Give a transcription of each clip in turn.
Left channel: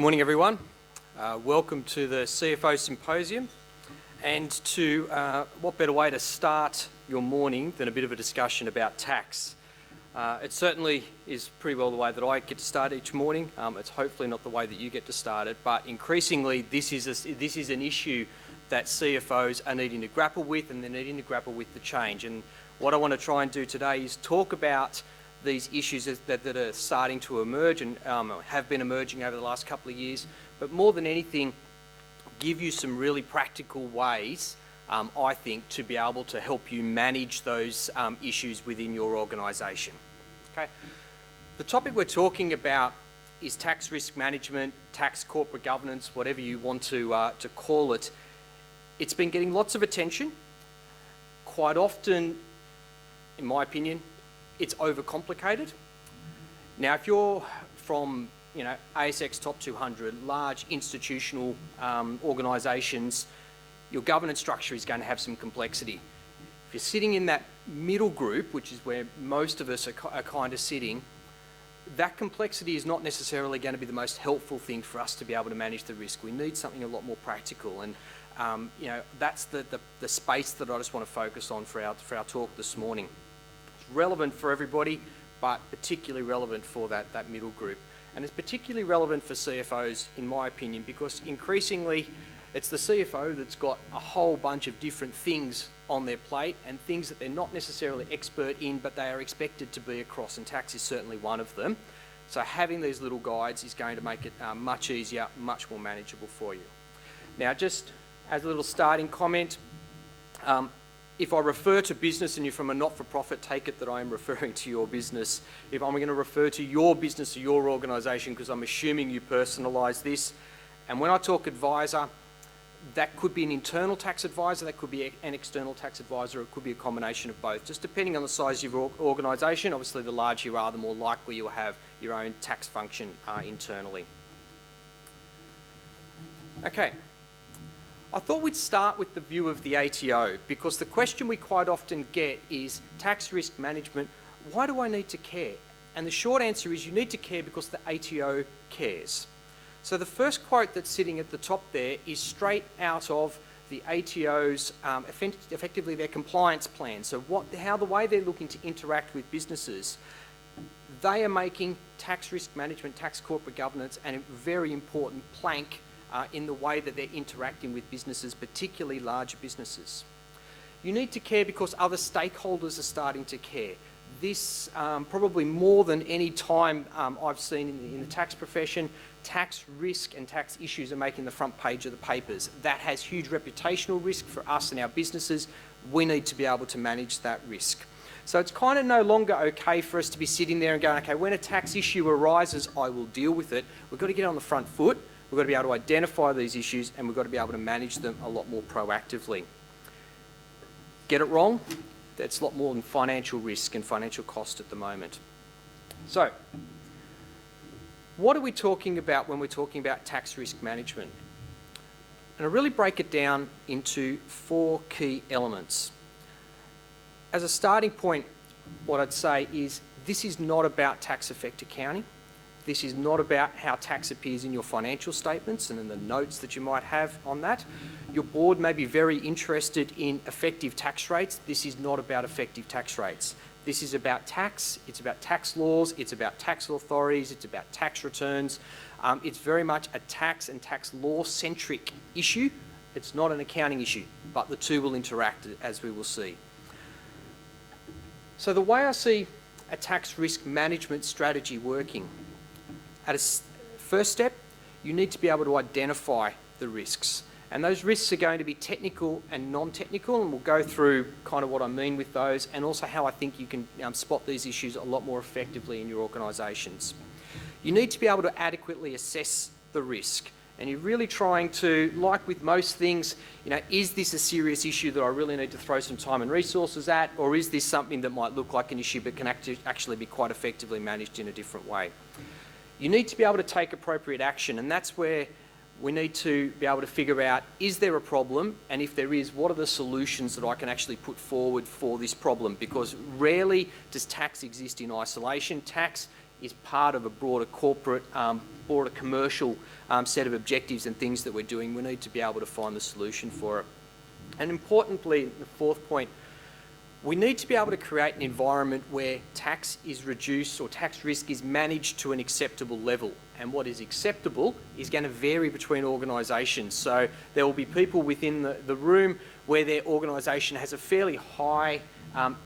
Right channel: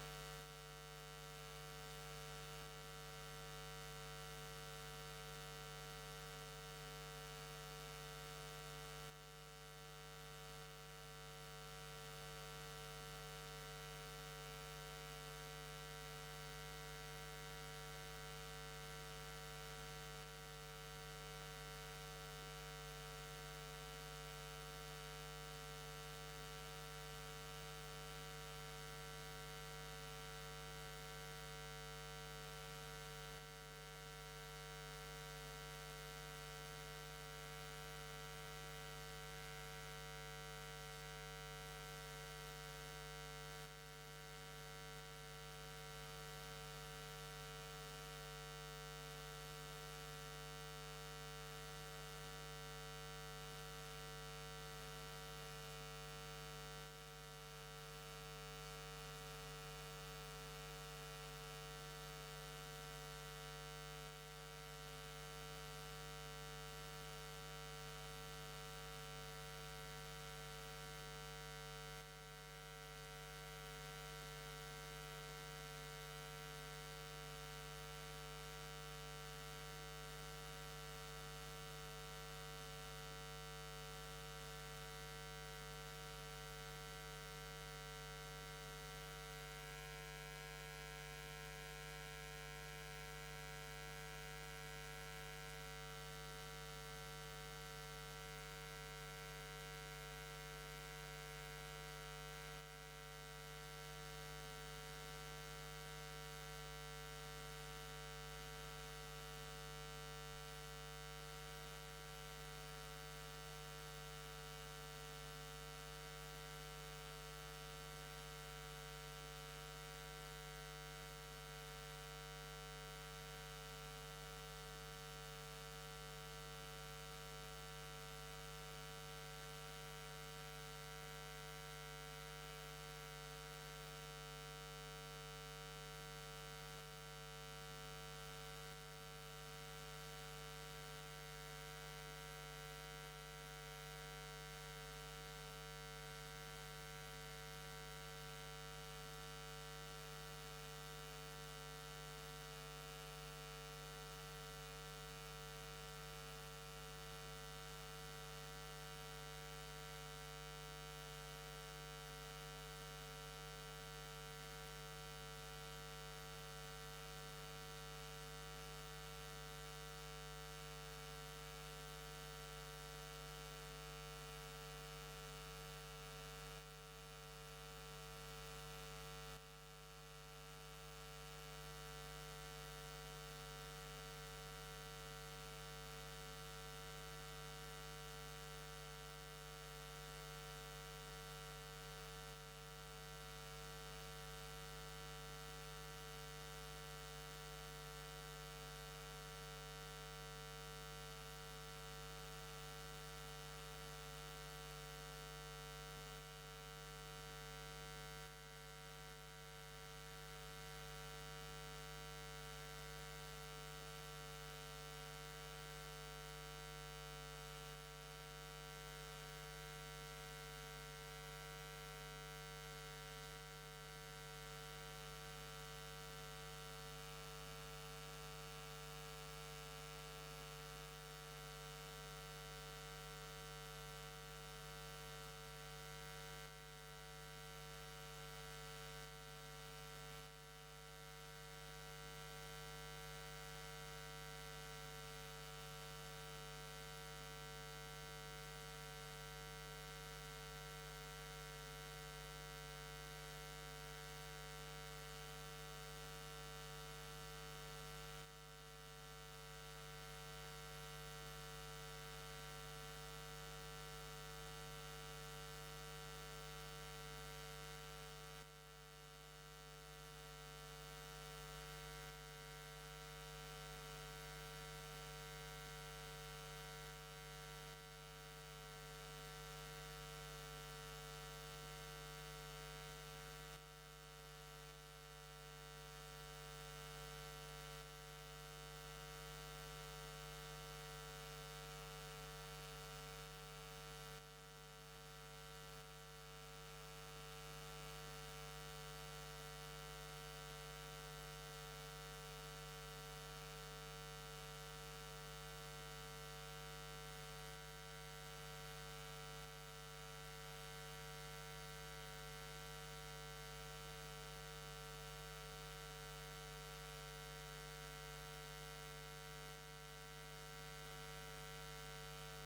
Good morning, everyone. Welcome to the CFO Symposium. And to what better way to start your morning than a bit of a discussion about tax? It certainly is pretty well the way that I get to start each morning. It's hopefully not the way that you get to start it, but increasingly this is an issue that CFOs are needing to grapple with, and they're needing to grapple with the change. And what I want to try and do today is talk about these issues that are starting to emerge and have been emerging over the last couple of years, but more than anything, give you some really practical ways, I think, to be able to help you manage those issues within your organisation. Okay. The topic we're talking about is tax risk management, tax corporate governance, whatever you want to call it. It's been getting lots of attention. Quite often, in my opinion, it's overcomplicated. Now, if you're from, ASX top 200, large institutional organisations, your governance structure is going to have some complexity. If you're sitting in that middle group, which is where most of us are kind of sitting, that complexity is not necessarily going to be the most helpful thing for us to be able to manage the risk. We need something a lot more practical, and that's the space that I just want to focus on for our talk this morning. Relevant for everybody, but particularly relevant for that middle group. And it's particularly relevant for CFOs, in my opinion, because increasingly it's the CFO that's got a whole bunch of different things on their plate and things that they're not necessarily expert in, but they are expected to be across, and tax is certainly one of them. So having these little guides is going to make it much easier, much more manageable for you. Now, just as a little starting comment, if I refer to business and you're from a not-for-profit, take it that I am referring to your business. If I'm going to refer to your business or your organisation, because I'm assuming you personalise this. And when I talk advisor, that could be an internal tax advisor, that could be an external tax advisor, it could be a combination of both, just depending on the size of your organisation. Obviously, the larger you are, the more likely you'll have your own tax function internally. Okay. I thought we'd start with the view of the ATO, because the question we quite often get is, tax risk management, why do I need to care? And the short answer is you need to care because the ATO cares. So the first quote that's sitting at the top there is straight out of the ATO's, effectively their compliance plan. So how the way they're looking to interact with businesses, they are making tax risk management, tax corporate governance, and a very important plank in the way that they're interacting with businesses, particularly larger businesses. You need to care because other stakeholders are starting to care. This, probably more than any time I've seen in the tax profession, tax risk and tax issues are making the front page of the papers. That has huge reputational risk for us and our businesses. We need to be able to manage that risk. So it's kind of no longer okay for us to be sitting there and going, okay, when a tax issue arises, I will deal with it. We've got to get on the front foot. We've got to be able to identify these issues, and we've got to be able to manage them a lot more proactively. Get it wrong? That's a lot more than financial risk and financial cost at the moment. So, what are we talking about when we're talking about tax risk management? And I really break it down into 4 key elements. As a starting point, what I'd say is this is not about tax effect accounting. This is not about how tax appears in your financial statements and in the notes that you might have on that. Your board may be very interested in effective tax rates. This is not about effective tax rates. This is about tax, it's about tax laws, it's about tax authorities, it's about tax returns. It's very much a tax and tax law-centric issue. It's not an accounting issue, but the two will interact, as we will see. So the way I see a tax risk management strategy working, at a first step, you need to be able to identify the risks. And those risks are going to be technical and non-technical, and we'll go through kind of what I mean with those, and also how I think you can spot these issues a lot more effectively in your organisations. You need to be able to adequately assess the risk, and you're really trying to, like with most things, is this a serious issue that I really need to throw some time and resources at, or is this something that might look like an issue but can actually be quite effectively managed in a different way? You need to be able to take appropriate action, and that's where we need to be able to figure out, is there a problem? And if there is, what are the solutions that I can actually put forward for this problem? Because rarely does tax exist in isolation. Tax is part of a broader corporate, broader commercial set of objectives and things that we're doing, we need to be able to find the solution for it. And importantly, the fourth point, we need to be able to create an environment where tax is reduced or tax risk is managed to an acceptable level. And what is acceptable is going to vary between organisations. So there will be people within the room where their organisation has a fairly high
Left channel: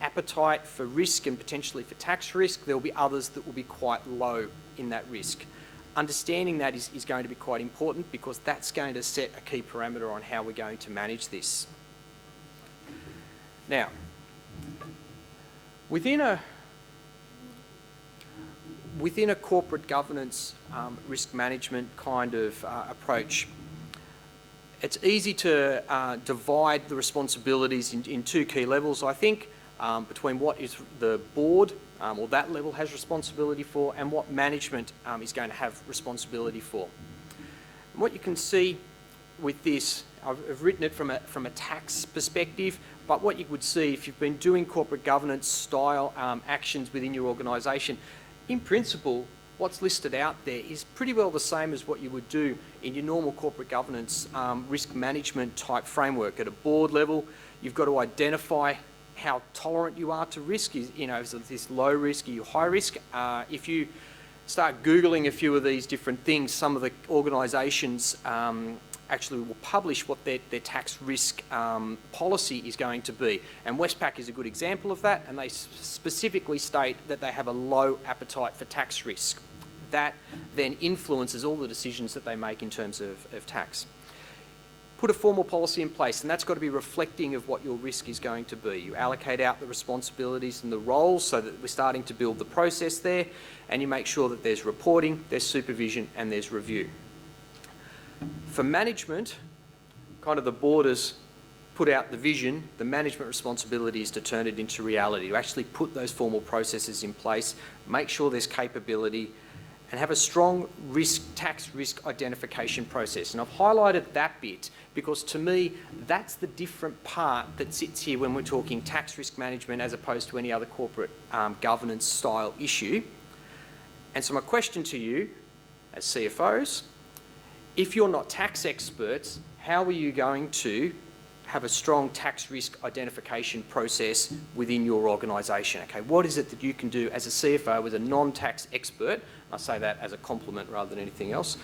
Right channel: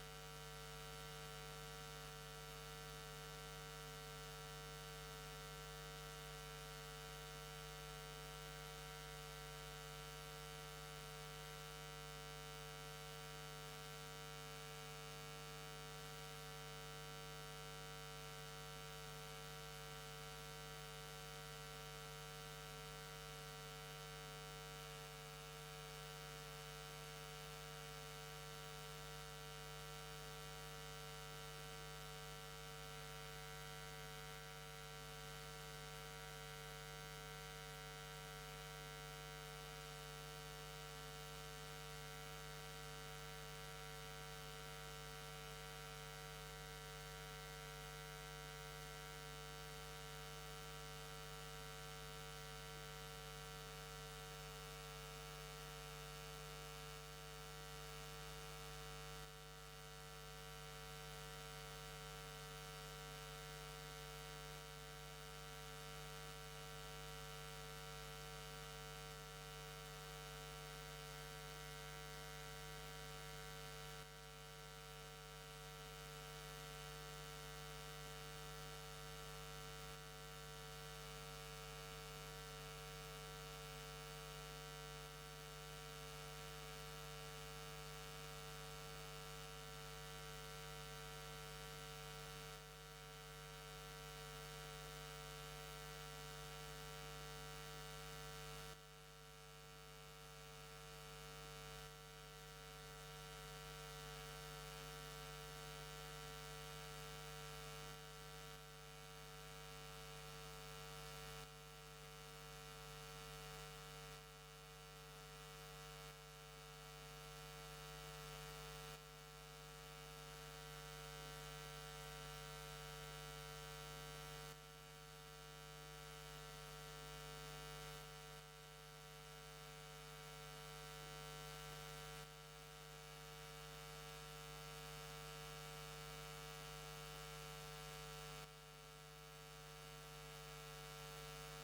appetite for risk and potentially for tax risk. There will be others that will be quite low in that risk. Understanding that is going to be quite important, because that's going to set a key parameter on how we're going to manage this. Now, within a corporate governance risk management kind of approach, it's easy to divide the responsibilities in two key levels, I think, between what is the board or that level has responsibility for, and what management is going to have responsibility for. And what you can see with this, I've written it from a tax perspective, but what you would see if you've been doing corporate governance style actions within your organisation, in principle, what's listed out there is pretty well the same as what you would do in your normal corporate governance risk management type framework. At a board level, you've got to identify how tolerant you are to risk. Is this low risk, are you high risk? If you start Googling a few of these different things, some of the organisations actually will publish what their tax risk policy is going to be. And Westpac is a good example of that, and they specifically state that they have a low appetite for tax risk. That then influences all the decisions that they make in terms of tax. Put a formal policy in place, and that's got to be reflecting of what your risk is going to be. You allocate out the responsibilities and the roles so that we're starting to build the process there, and you make sure that there's reporting, there's supervision, and there's review. For management, kind of the board has put out the vision. The management responsibility is to turn it into reality, to actually put those formal processes in place, make sure there's capability, and have a strong tax risk identification process. And I've highlighted that bit because, to me, that's the different part that sits here when we're talking tax risk management as opposed to any other corporate governance style issue. And so my question to you as CFOs, if you're not tax experts, how are you going to have a strong tax risk identification process within your organisation? Okay, what is it that you can do as a CFO, as a non-tax expert? I say that as a compliment rather than anything else.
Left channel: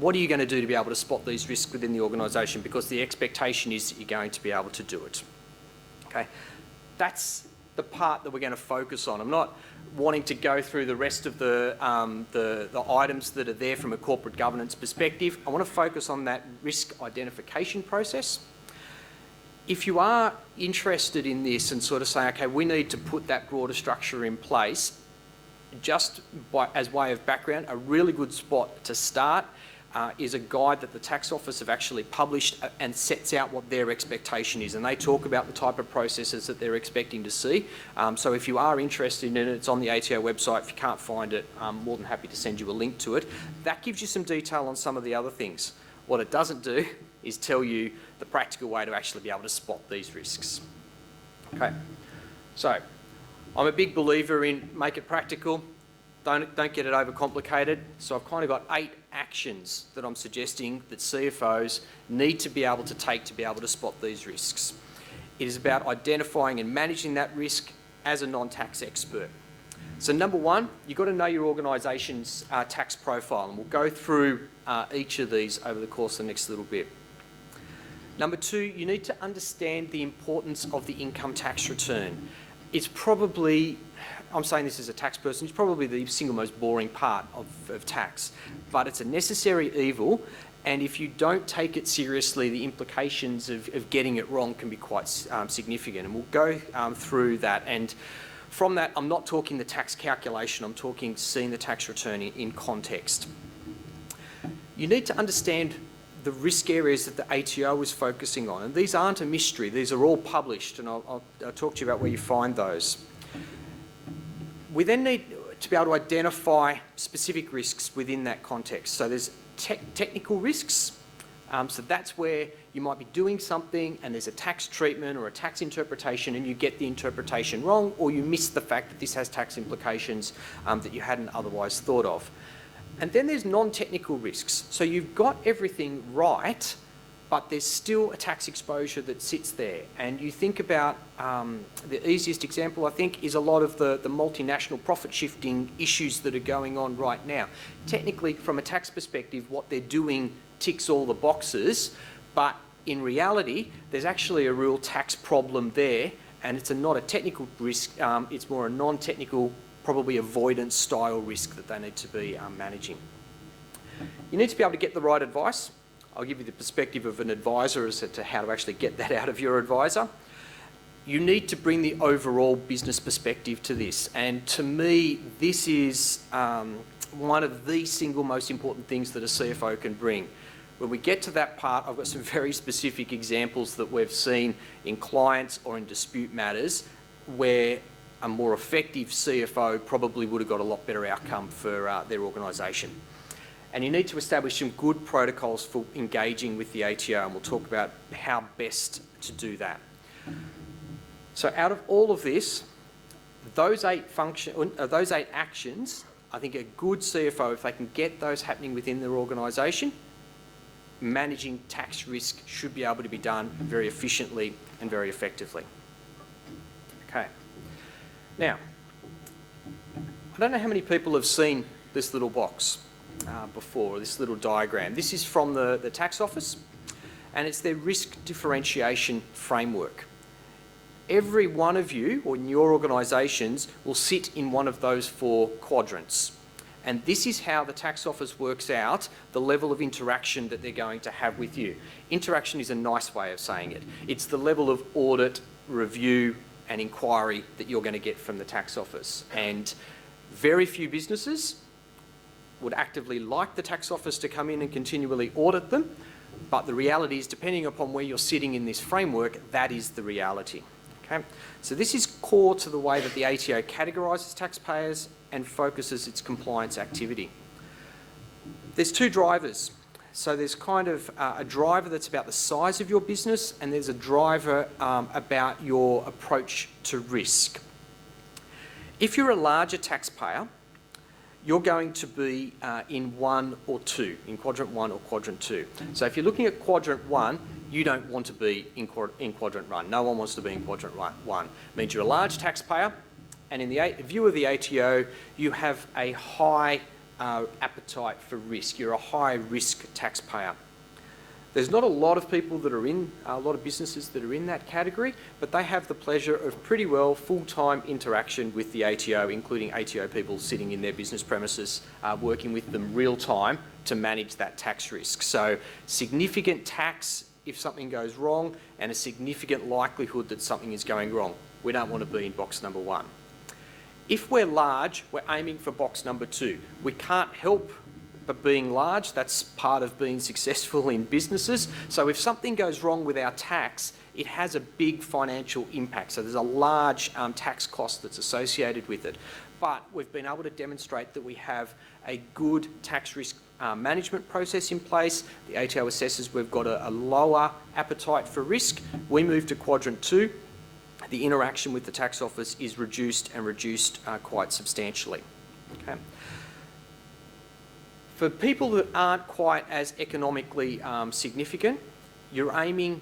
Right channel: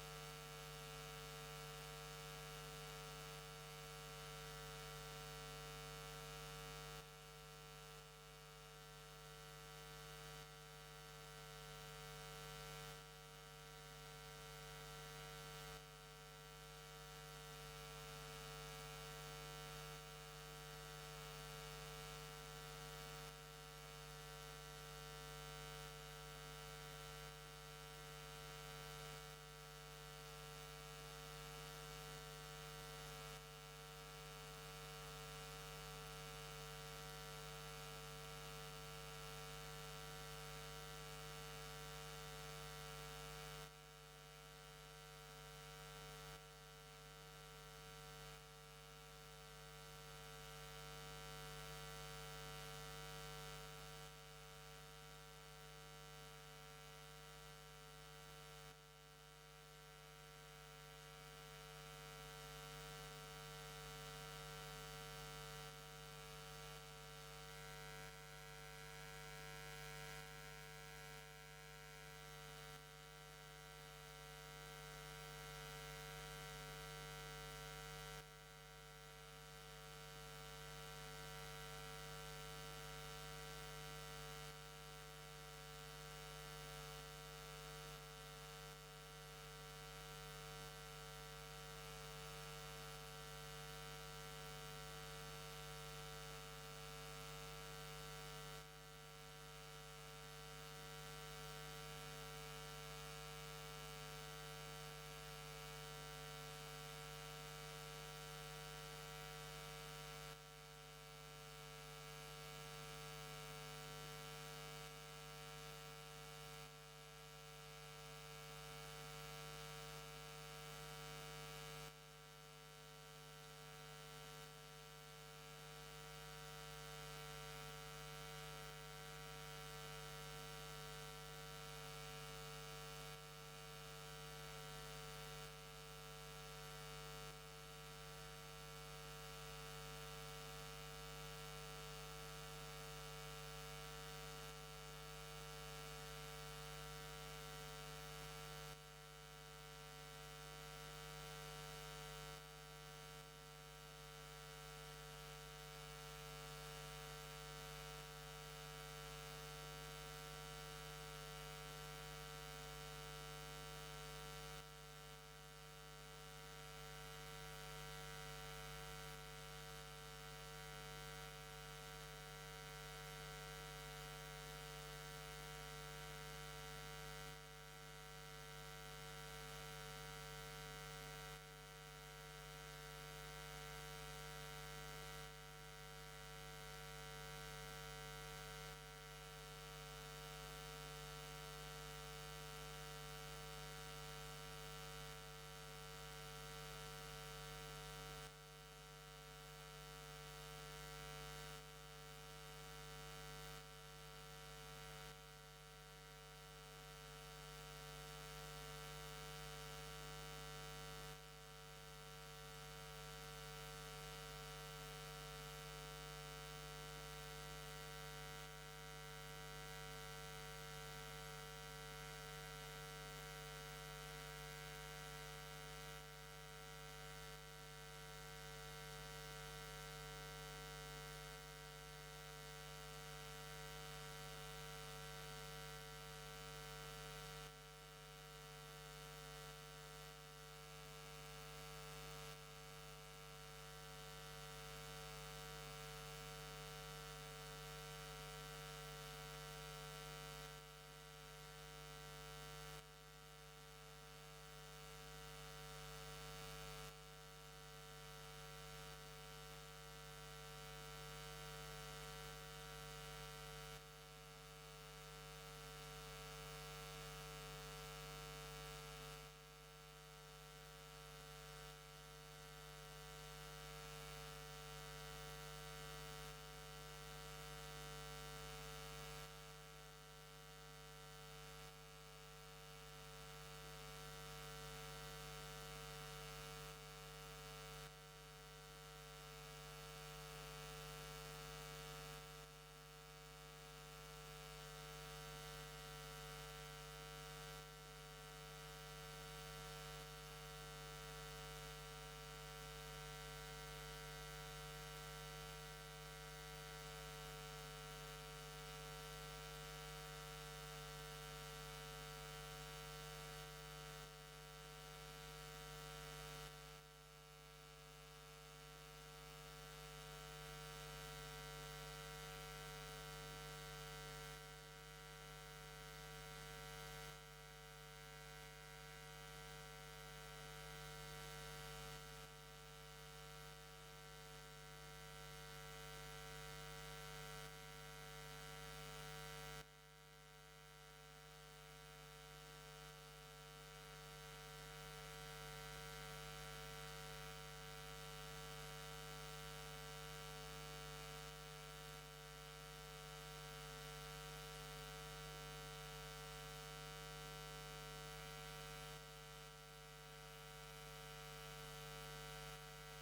What are you going to do to be able to spot these risks within the organisation? Because the expectation is that you're going to be able to do it. Okay, that's the part that we're going to focus on. I'm not wanting to go through the rest of the items that are there from a corporate governance perspective. I want to focus on that risk identification process. If you are interested in this and sort of say, okay, we need to put that broader structure in place, just as way of background, a really good spot to start is a guide that the tax office have actually published and sets out what their expectation is, and they talk about the type of processes that they're expecting to see. So if you are interested in it, it's on the ATO website. If you can't find it, I'm more than happy to send you a link to it. That gives you some detail on some of the other things. What it doesn't do is tell you the practical way to actually be able to spot these risks. Okay, so I'm a big believer in make it practical. Don't get it overcomplicated. So I've kind of got 8 actions that I'm suggesting that CFOs need to be able to take to be able to spot these risks. It is about identifying and managing that risk as a non-tax expert. So number 1, you've got to know your organisation's tax profile, and we'll go through each of these over the course of the next little bit. Number 2, you need to understand the importance of the income tax return. It's probably, I'm saying this as a tax person, it's probably the single most boring part of tax, but it's a necessary evil, and if you don't take it seriously, the implications of getting it wrong can be quite significant, and we'll go through that. And from that, I'm not talking the tax calculation, I'm talking seeing the tax return in context. You need to understand the risk areas that the ATO is focusing on, and these aren't a mystery, these are all published, and I'll talk to you about where you find those. We then need to be able to identify specific risks within that context. So there's technical risks, so that's where you might be doing something and there's a tax treatment or a tax interpretation and you get the interpretation wrong, or you miss the fact that this has tax implications that you hadn't otherwise thought of. And then there's non-technical risks. So you've got everything right, but there's still a tax exposure that sits there. And you think about the easiest example, I think, is a lot of the multinational profit shifting issues that are going on right now. Technically, from a tax perspective, what they're doing ticks all the boxes, but in reality, there's actually a real tax problem there, and it's not a technical risk, it's more a non-technical, probably avoidance style risk that they need to be managing. You need to be able to get the right advice. I'll give you the perspective of an advisor as to how to actually get that out of your advisor. You need to bring the overall business perspective to this, and to me, this is one of the single most important things that a CFO can bring. When we get to that part, I've got some very specific examples that we've seen in clients or in dispute matters where a more effective CFO probably would have got a lot better outcome for their organisation. And you need to establish some good protocols for engaging with the ATO, and we'll talk about how best to do that. So out of all of this, those eight actions, I think a good CFO, if they can get those happening within their organisation, managing tax risk should be able to be done very efficiently and very effectively. Okay. Now, I don't know how many people have seen this little box before, this little diagram. This is from the tax office, and it's their risk differentiation framework. Every one of you, or in your organisations, will sit in one of those 4 quadrants. And this is how the tax office works out the level of interaction that they're going to have with you. Interaction is a nice way of saying it. It's the level of audit, review, and inquiry that you're going to get from the tax office. And very few businesses would actively like the tax office to come in and continually audit them, but the reality is, depending upon where you're sitting in this framework, that is the reality. Okay? So this is core to the way that the ATO categorises taxpayers and focuses its compliance activity. There's 2 drivers. So there's kind of a driver that's about the size of your business, and there's a driver about your approach to risk. If you're a larger taxpayer, you're going to be in 1 or 2, in quadrant 1 or quadrant 2. So if you're looking at quadrant 1, you don't want to be in quadrant 1. No one wants to be in quadrant 1. It means you're a large taxpayer, and in the view of the ATO, you have a high appetite for risk. You're a high risk taxpayer. There's not a lot of people that are in, a lot of businesses that are in that category, but they have the pleasure of pretty well full-time interaction with the ATO, including ATO people sitting in their business premises, working with them real-time to manage that tax risk. So significant tax if something goes wrong, and a significant likelihood that something is going wrong. We don't want to be in box number 1. If we're large, we're aiming for box number 2. We can't help but being large. That's part of being successful in businesses. So if something goes wrong with our tax, it has a big financial impact. So there's a large tax cost that's associated with it. But we've been able to demonstrate that we have a good tax risk management process in place. The ATO assesses we've got a lower appetite for risk. We move to quadrant 2. The interaction with the tax office is reduced quite substantially. Okay. For people that aren't quite as economically significant, you're aiming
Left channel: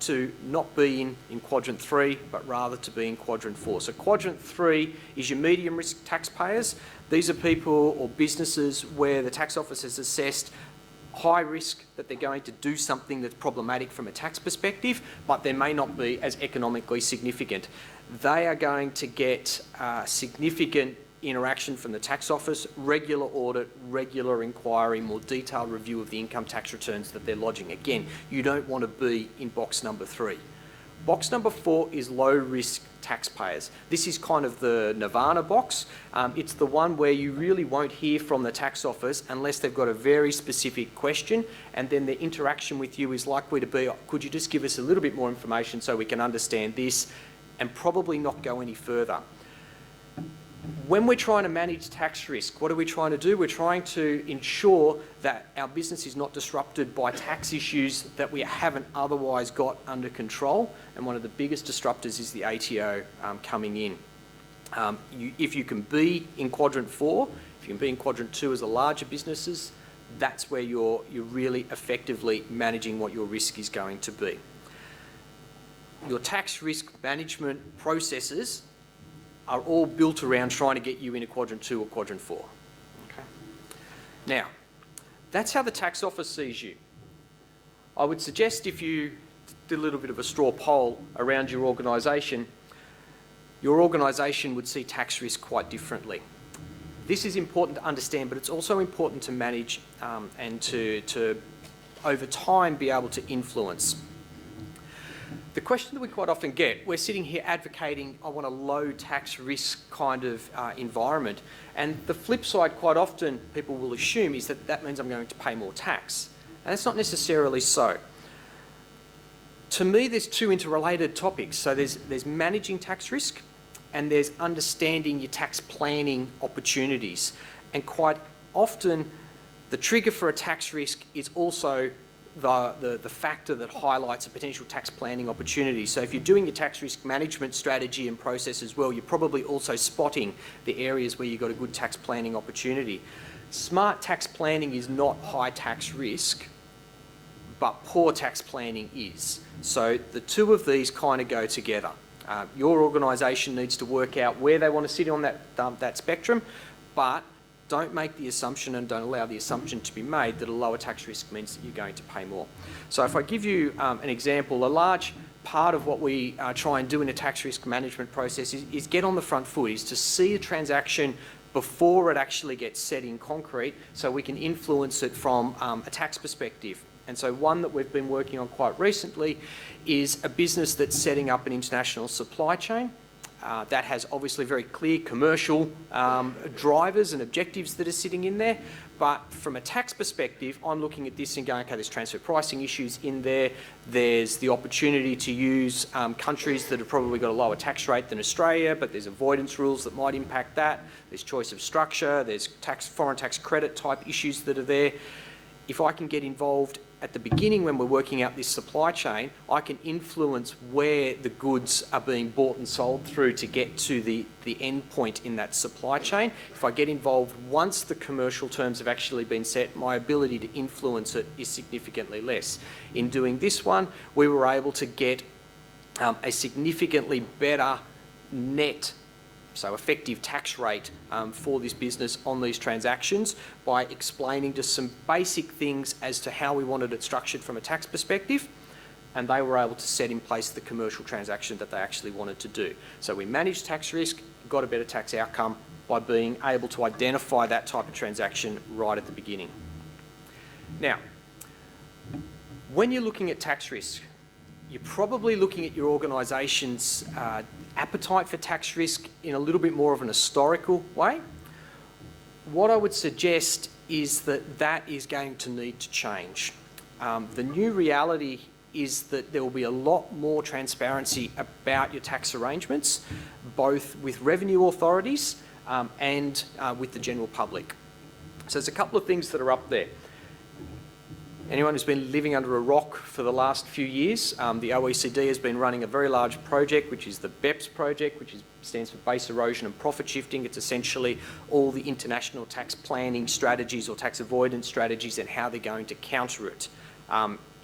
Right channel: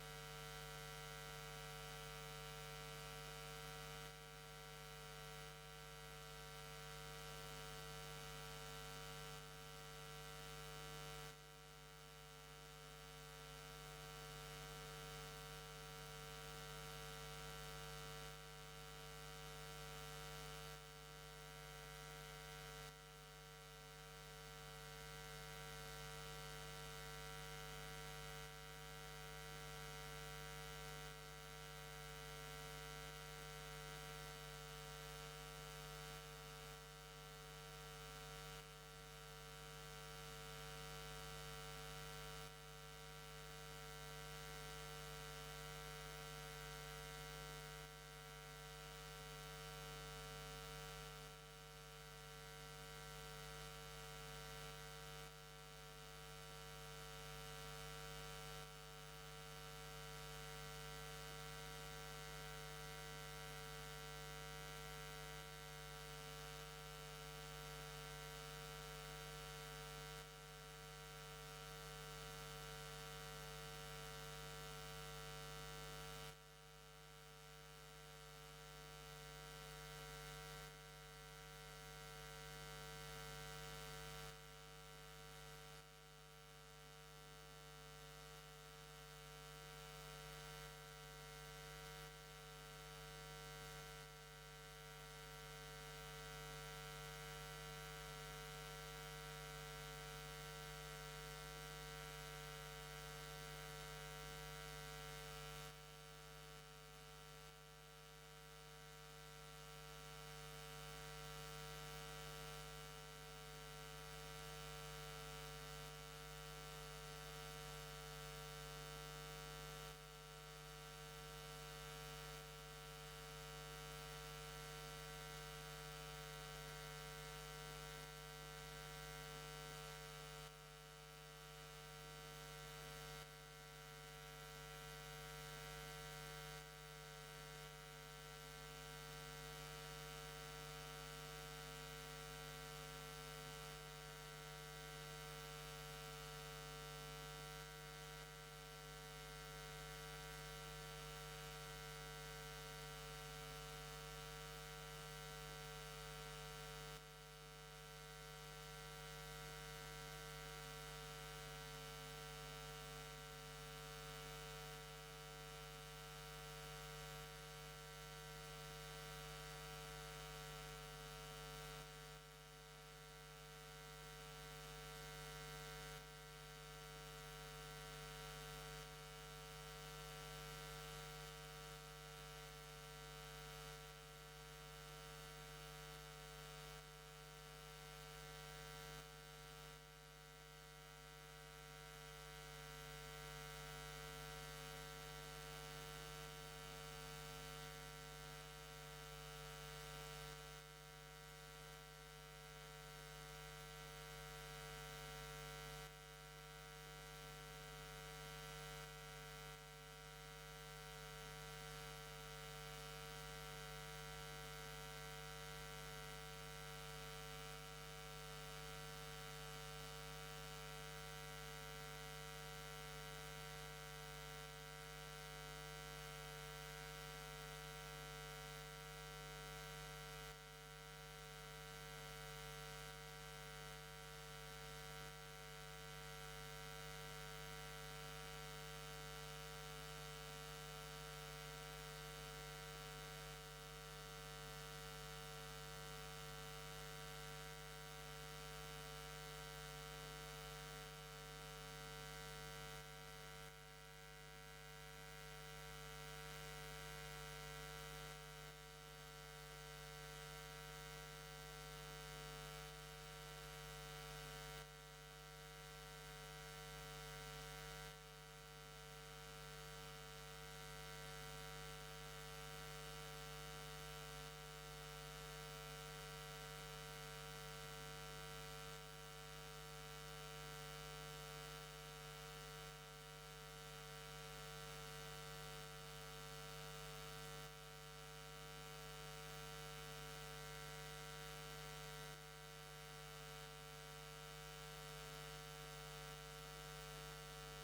to not be in quadrant 3, but rather to be in quadrant 4. So quadrant 3 is your medium risk taxpayers. These are people or businesses where the tax office has assessed high risk that they're going to do something that's problematic from a tax perspective, but they may not be as economically significant. They are going to get significant interaction from the tax office, regular audit, regular inquiry, more detailed review of the income tax returns that they're lodging. Again, you don't want to be in box number 3. Box number 4 is low risk taxpayers. This is kind of the nirvana box. It's the one where you really won't hear from the tax office unless they've got a very specific question, and then the interaction with you is likely to be, could you just give us a little bit more information so we can understand this, and probably not go any further. When we're trying to manage tax risk, what are we trying to do? We're trying to ensure that our business is not disrupted by tax issues that we haven't otherwise got under control. And one of the biggest disruptors is the ATO coming in. If you can be in quadrant 4, If you can be in quadrant 2 as the larger businesses, that's where you're really effectively managing what your risk is going to be. Your tax risk management processes are all built around trying to get you into quadrant 2 or quadrant 4. Okay. Now, that's how the tax office sees you. I would suggest if you did a little bit of a straw poll around your organisation would see tax risk quite differently. This is important to understand, but it's also important to manage and to over time, be able to influence. The question that we quite often get, we're sitting here advocating, I want a low tax risk kind of environment. And the flip side, quite often, people will assume is that that means I'm going to pay more tax. And that's not necessarily so. To me, there's two interrelated topics. So there's managing tax risk and there's understanding your tax planning opportunities. And quite often, the trigger for a tax risk is also the factor that highlights a potential tax planning opportunity. So if you're doing your tax risk management strategy and process as well, you're probably also spotting the areas where you've got a good tax planning opportunity. Smart tax planning is not high tax risk, but poor tax planning is. So the two of these kind of go together. Your organisation needs to work out where they want to sit on that spectrum, but don't make the assumption and don't allow the assumption to be made that a lower tax risk means that you're going to pay more. So if I give you an example, a large part of what we try and do in a tax risk management process is get on the front foot, is to see a transaction before it actually gets set in concrete so we can influence it from a tax perspective. And so one that we've been working on quite recently is a business that's setting up an international supply chain. That has obviously very clear commercial drivers and objectives that are sitting in there. But from a tax perspective, I'm looking at this and going, okay, there's transfer pricing issues in there. There's the opportunity to use countries that have probably got a lower tax rate than Australia, but there's avoidance rules that might impact that. There's choice of structure. There's foreign tax credit type issues that are there. If I can get involved at the beginning when we're working out this supply chain, I can influence where the goods are being bought and sold through to get to the end point in that supply chain. If I get involved once the commercial terms have actually been set, my ability to influence it is significantly less. In doing this one, we were able to get a significantly better net, so effective tax rate for this business on these transactions by explaining just some basic things as to how we wanted it structured from a tax perspective, and they were able to set in place the commercial transaction that they actually wanted to do. So we managed tax risk, got a better tax outcome by being able to identify that type of transaction right at the beginning. Now, when you're looking at tax risk, you're probably looking at your organisation's appetite for tax risk in a little bit more of an historical way. What I would suggest is that that is going to need to change. The new reality is that there will be a lot more transparency about your tax arrangements, both with revenue authorities and with the general public. So there's a couple of things that are up there. Anyone who's been living under a rock for the last few years, the OECD has been running a very large project, which is the BEPS project, which stands for Base Erosion and Profit Shifting. It's essentially all the international tax planning strategies or tax avoidance strategies and how they're going to counter it.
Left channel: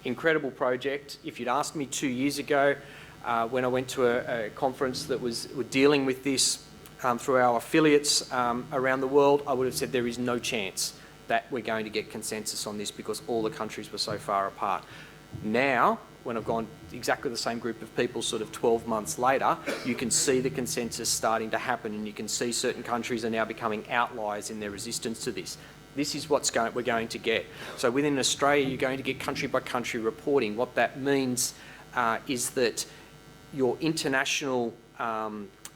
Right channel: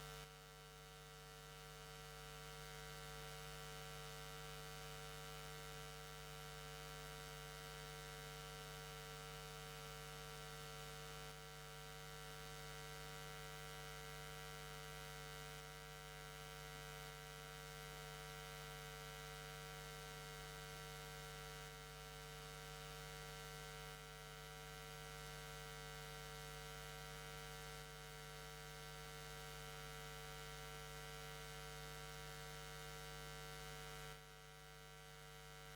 Incredible project. If you'd asked me 2 years ago, when I went to a conference that was dealing with this through our affiliates around the world, I would have said there is no chance that we're going to get consensus on this because all the countries were so far apart. Now, when I've gone exactly the same group of people sort of 12 months later, you can see the consensus starting to happen, and you can see certain countries are now becoming outliers in their resistance to this. This is what we're going to get. So within Australia, you're going to get country by country reporting. What that means is that your international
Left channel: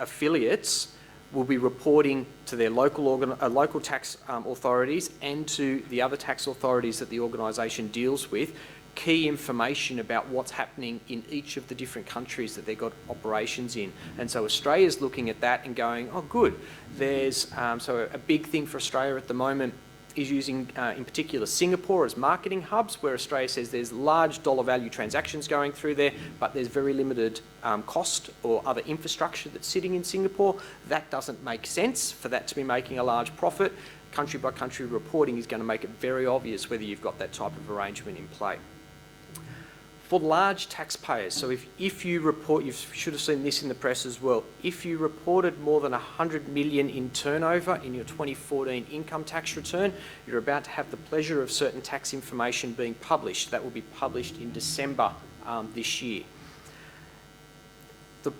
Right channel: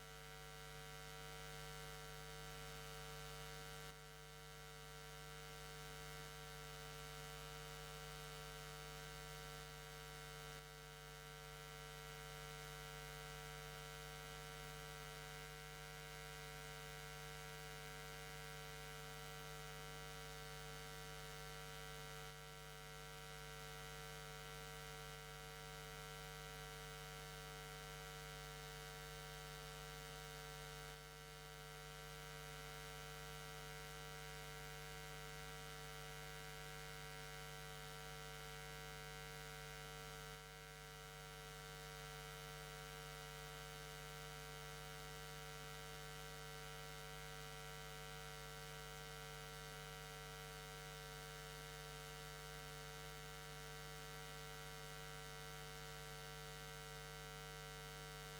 affiliates will be reporting to their local tax authorities and to the other tax authorities that the organisation deals with key information about what's happening in each of the different countries that they've got operations in. And so Australia's looking at that and going, oh good, there's, so a big thing for Australia at the moment is using, in particular, Singapore as marketing hubs, where Australia says there's large dollar value transactions going through there, but there's very limited cost or other infrastructure that's sitting in Singapore. That doesn't make sense for that to be making a large profit. country by country reporting is going to make it very obvious whether you've got that type of arrangement in play. For large taxpayers, so if you report, you should have seen this in the press as well, if you reported more than 100 million in turnover in your 2014 income tax return, you're about to have the pleasure of certain tax information being published. That will be published in December this year. The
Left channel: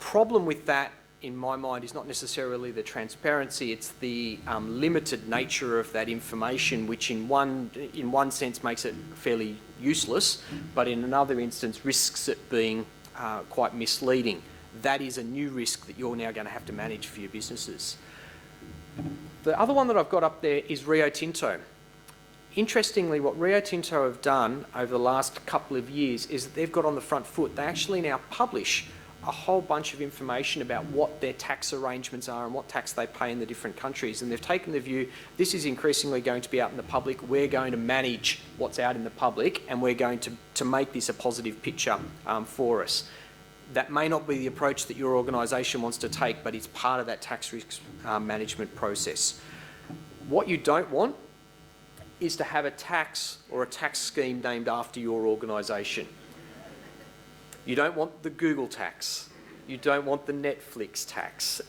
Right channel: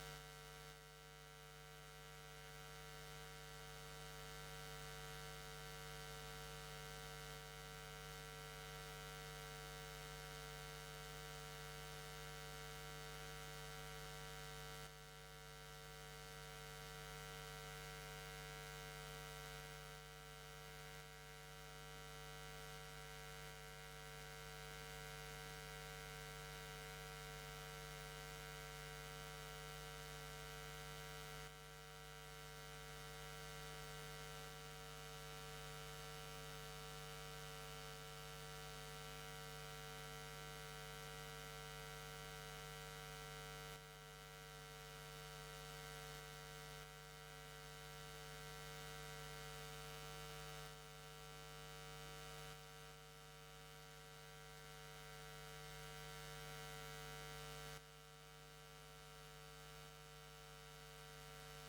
problem with that, in my mind, is not necessarily the transparency, it's the limited nature of that information, which in one sense makes it fairly useless, but in another instance risks it being quite misleading. That is a new risk that you're now going to have to manage for your businesses. The other one that I've got up there is Rio Tinto. Interestingly, what Rio Tinto have done over the last couple of years is that they've got on the front foot. They actually now publish a whole bunch of information about what their tax arrangements are and what tax they pay in the different countries. And they've taken the view, this is increasingly going to be out in the public. We're going to manage what's out in the public, and we're going to make this a positive picture for us. That may not be the approach that your organisation wants to take, but it's part of that tax risk management process. What you don't want is to have a tax or a tax scheme named after your organisation. You don't want the Google tax. You don't want the Netflix tax.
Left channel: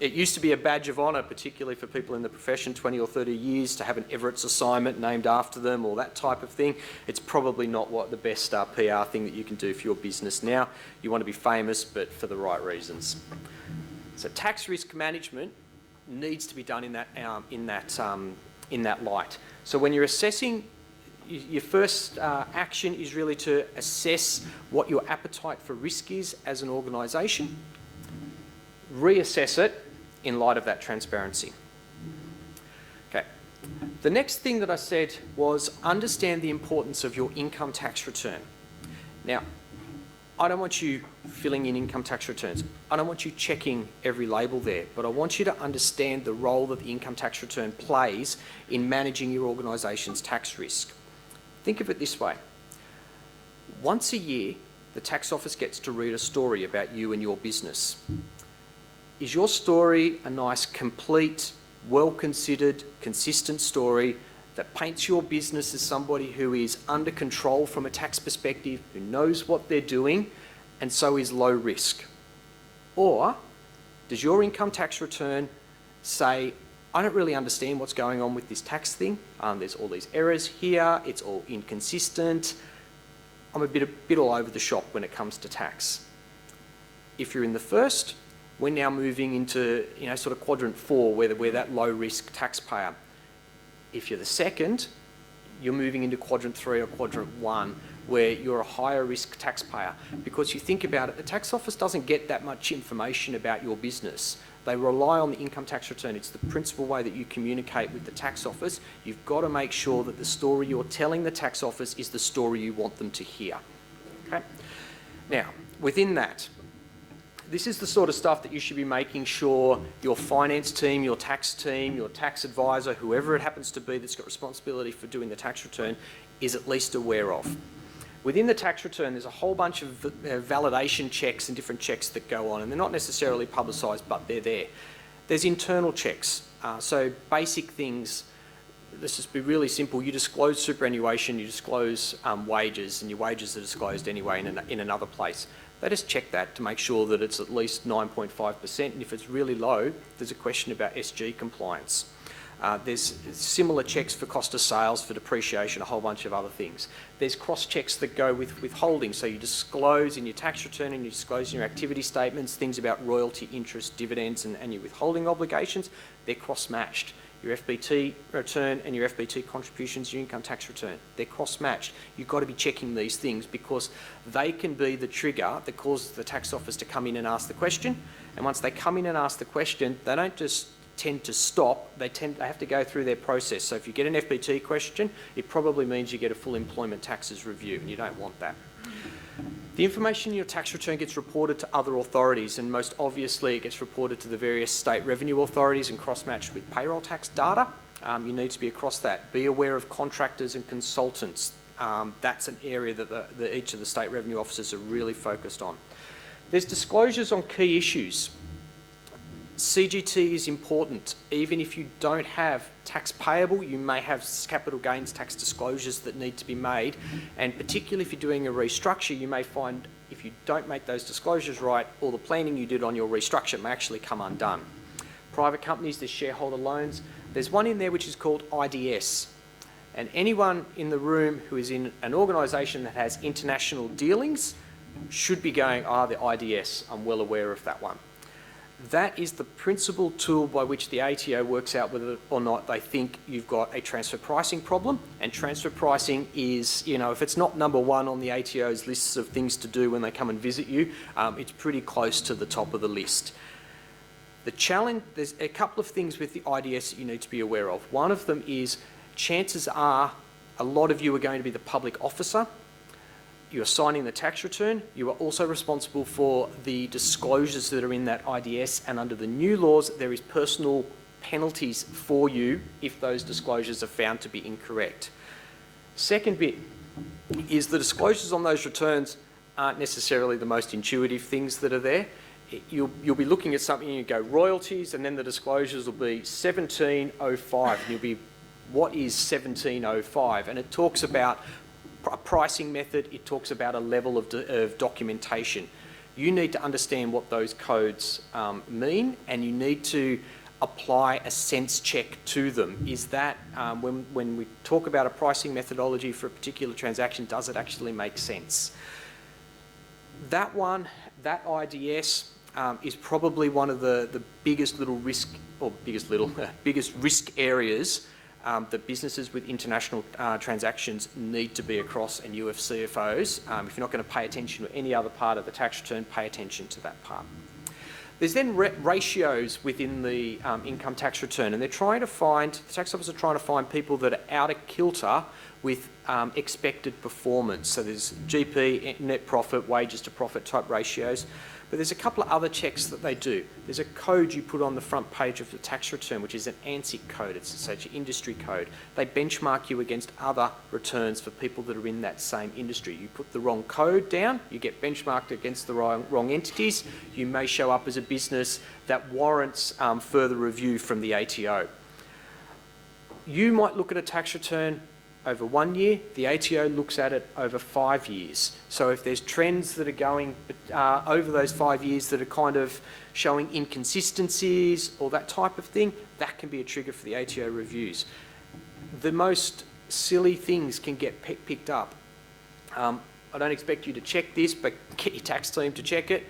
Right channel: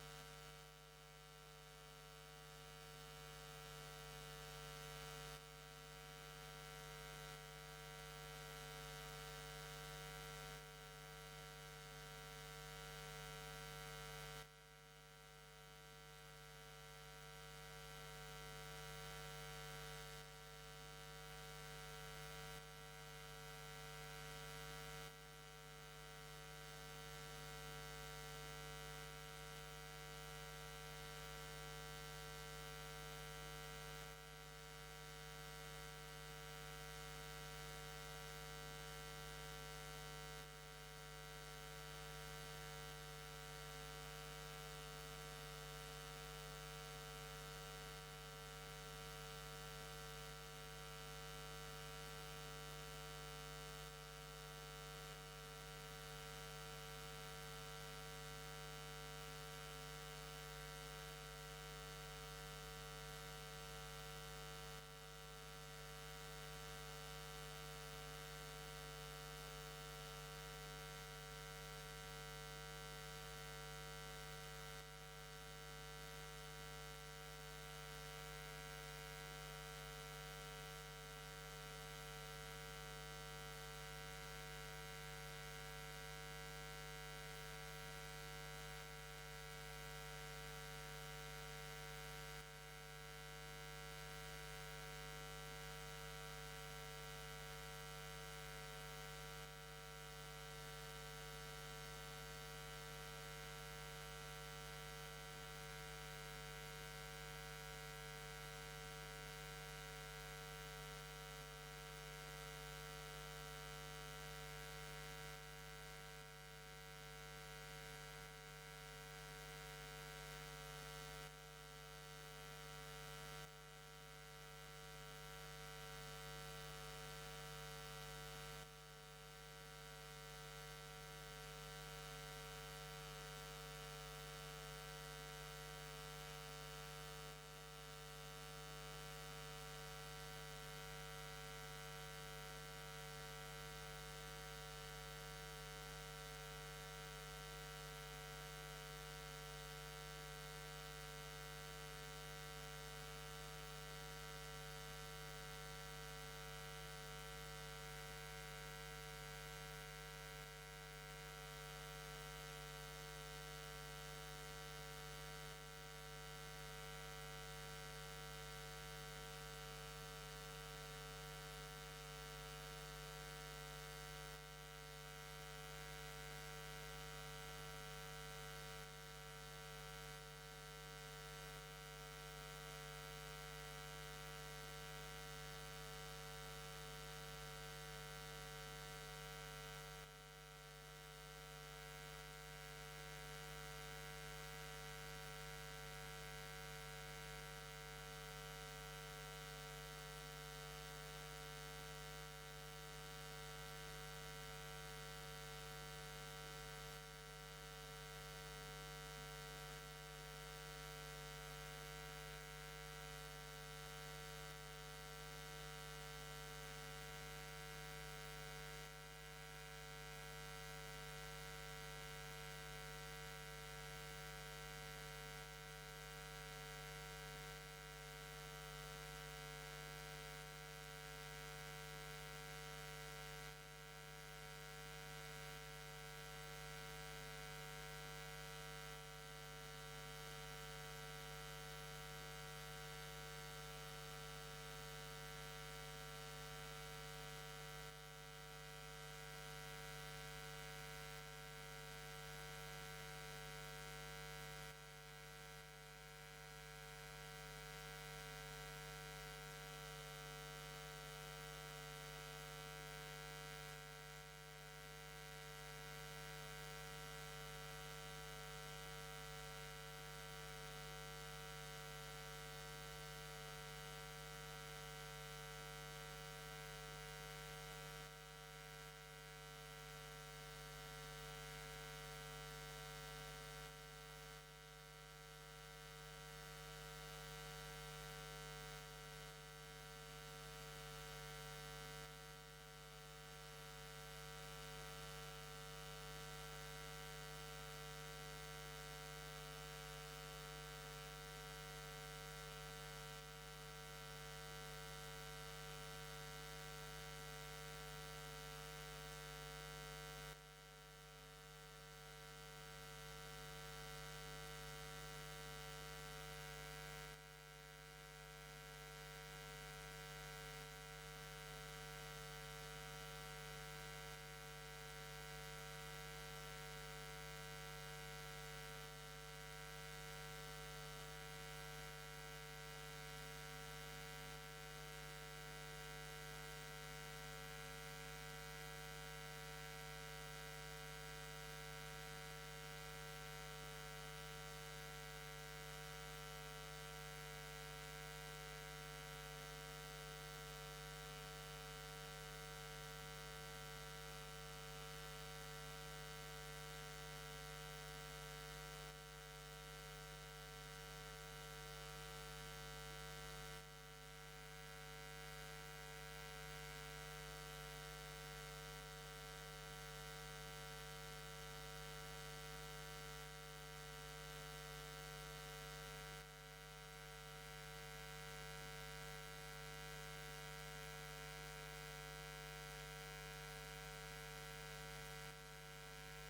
It used to be a badge of honour, particularly for people in the profession, 20 or 30 years, to have an Everett's assignment named after them or that type of thing. It's probably not what the best PR thing that you can do for your business now. You want to be famous, but for the right reasons. So tax risk management needs to be done in that light. So when you're assessing, your first action is really to assess what your appetite for risk is as an organisation, reassess it in light of that transparency. Okay. The next thing that I said was understand the importance of your income tax return. Now, I don't want you filling in income tax returns. I don't want you checking every label there, but I want you to understand the role that the income tax return plays in managing your organisation's tax risk. Think of it this way. Once a year, the tax office gets to read a story about you and your business. Is your story a nice, complete, well-considered, consistent story that paints your business as somebody who is under control from a tax perspective, who knows what they're doing, and so is low risk? Or does your income tax return say, I don't really understand what's going on with this tax thing. There's all these errors here. It's all inconsistent. I'm a bit all over the shop when it comes to tax. If you're in the first, we're now moving into sort of quadrant 4, where we're that low risk taxpayer. If you're the second, you're moving into quadrant 3 or quadrant 1, where you're a higher risk taxpayer. Because you think about it, the tax office doesn't get that much information about your business. They rely on the income tax return. It's the principal way that you communicate with the tax office. You've got to make sure that the story you're telling the tax office is the story you want them to hear. Okay? Now, within that, this is the sort of stuff that you should be making sure your finance team, your tax advisor, whoever it happens to be that's got responsibility for doing the tax return, is at least aware of. Within the tax return, there's a whole bunch of validation checks and different checks that go on, and they're not necessarily publicised, but they're there. There's internal checks, so basic things. Let's just be really simple. You disclose superannuation, you disclose wages, and your wages are disclosed anyway in another place. They just check that to make sure that it's at least 9.5%, and if it's really low, there's a question about SG compliance. There's similar checks for cost of sales, for depreciation, a whole bunch of other things. There's cross-checks that go with withholding, so you disclose in your tax return and you disclose in your activity statements things about royalty, interest, dividends and your withholding obligations. They're cross-matched. Your FBT return and your FBT contributions, your income tax return, they're cross-matched. You've got to be checking these things because they can be the trigger that causes the tax office to come in and ask the question. And once they come in and ask the question, they don't just tend to stop, they have to go through their process. So if you get an FBT question, it probably means you get a full employment taxes review, and you don't want that. The information in your tax return gets reported to other authorities, and most obviously it gets reported to the various state revenue authorities and cross-matched with payroll tax data. You need to be across that. Be aware of contractors and consultants. That's an area that each of the state revenue officers are really focused on. There's disclosures on key issues. CGT is important. Even if you don't have tax payable, you may have capital gains tax disclosures that need to be made, and particularly if you're doing a restructure, you may find if you don't make those disclosures right, all the planning you did on your restructure may actually come undone. Private companies, there's shareholder loans. There's one in there which is called IDS. And anyone in the room who is in an organisation that has international dealings should be going, the IDS, I'm well aware of that one. That is the principal tool by which the ATO works out whether or not they think you've got a transfer pricing problem. And transfer pricing is, if it's not number one on the ATO's lists of things to do when they come and visit you, it's pretty close to the top of the list. The challenge, there's a couple of things with the IDS that you need to be aware of. One of them is chances are a lot of you are going to be the public officer. You're signing the tax return. You are also responsible for the disclosures that are in that IDS, and under the new laws, there is personal penalties for you if those disclosures are found to be incorrect. Second bit is the disclosures on those returns aren't necessarily the most intuitive things that are there. You'll be looking at something and you go royalties, and then the disclosures will be 1705, and you'll be, what is 1705? And it talks about a pricing method, it talks about a level of documentation. You need to understand what those codes mean, and you need to apply a sense check to them. Is that, when we talk about a pricing methodology for a particular transaction, does it actually make sense? That IDS is probably one of the biggest risk areas that businesses with international transactions need to be across, and you have CFOs. If you're not going to pay attention to any other part of the tax return, pay attention to that part. There's then ratios within the income tax return, and the tax office are trying to find people that are out of kilter with expected performance. So there's GP, net profit, wages to profit type ratios. But there's a couple of other checks that they do. There's a code you put on the front page of the tax return, which is an ANSIC code. It's your industry code. They benchmark you against other returns for people that are in that same industry. You put the wrong code down, you get benchmarked against the wrong entities. You may show up as a business that warrants further review from the ATO. You might look at a tax return over 1 year, the ATO looks at it over 5 years. So if there's trends that are going over those 5 years that are kind of showing inconsistencies or that type of thing, that can be a trigger for the ATO reviews. The most silly things can get picked up. I don't expect you to check this, but get your tax team to check it.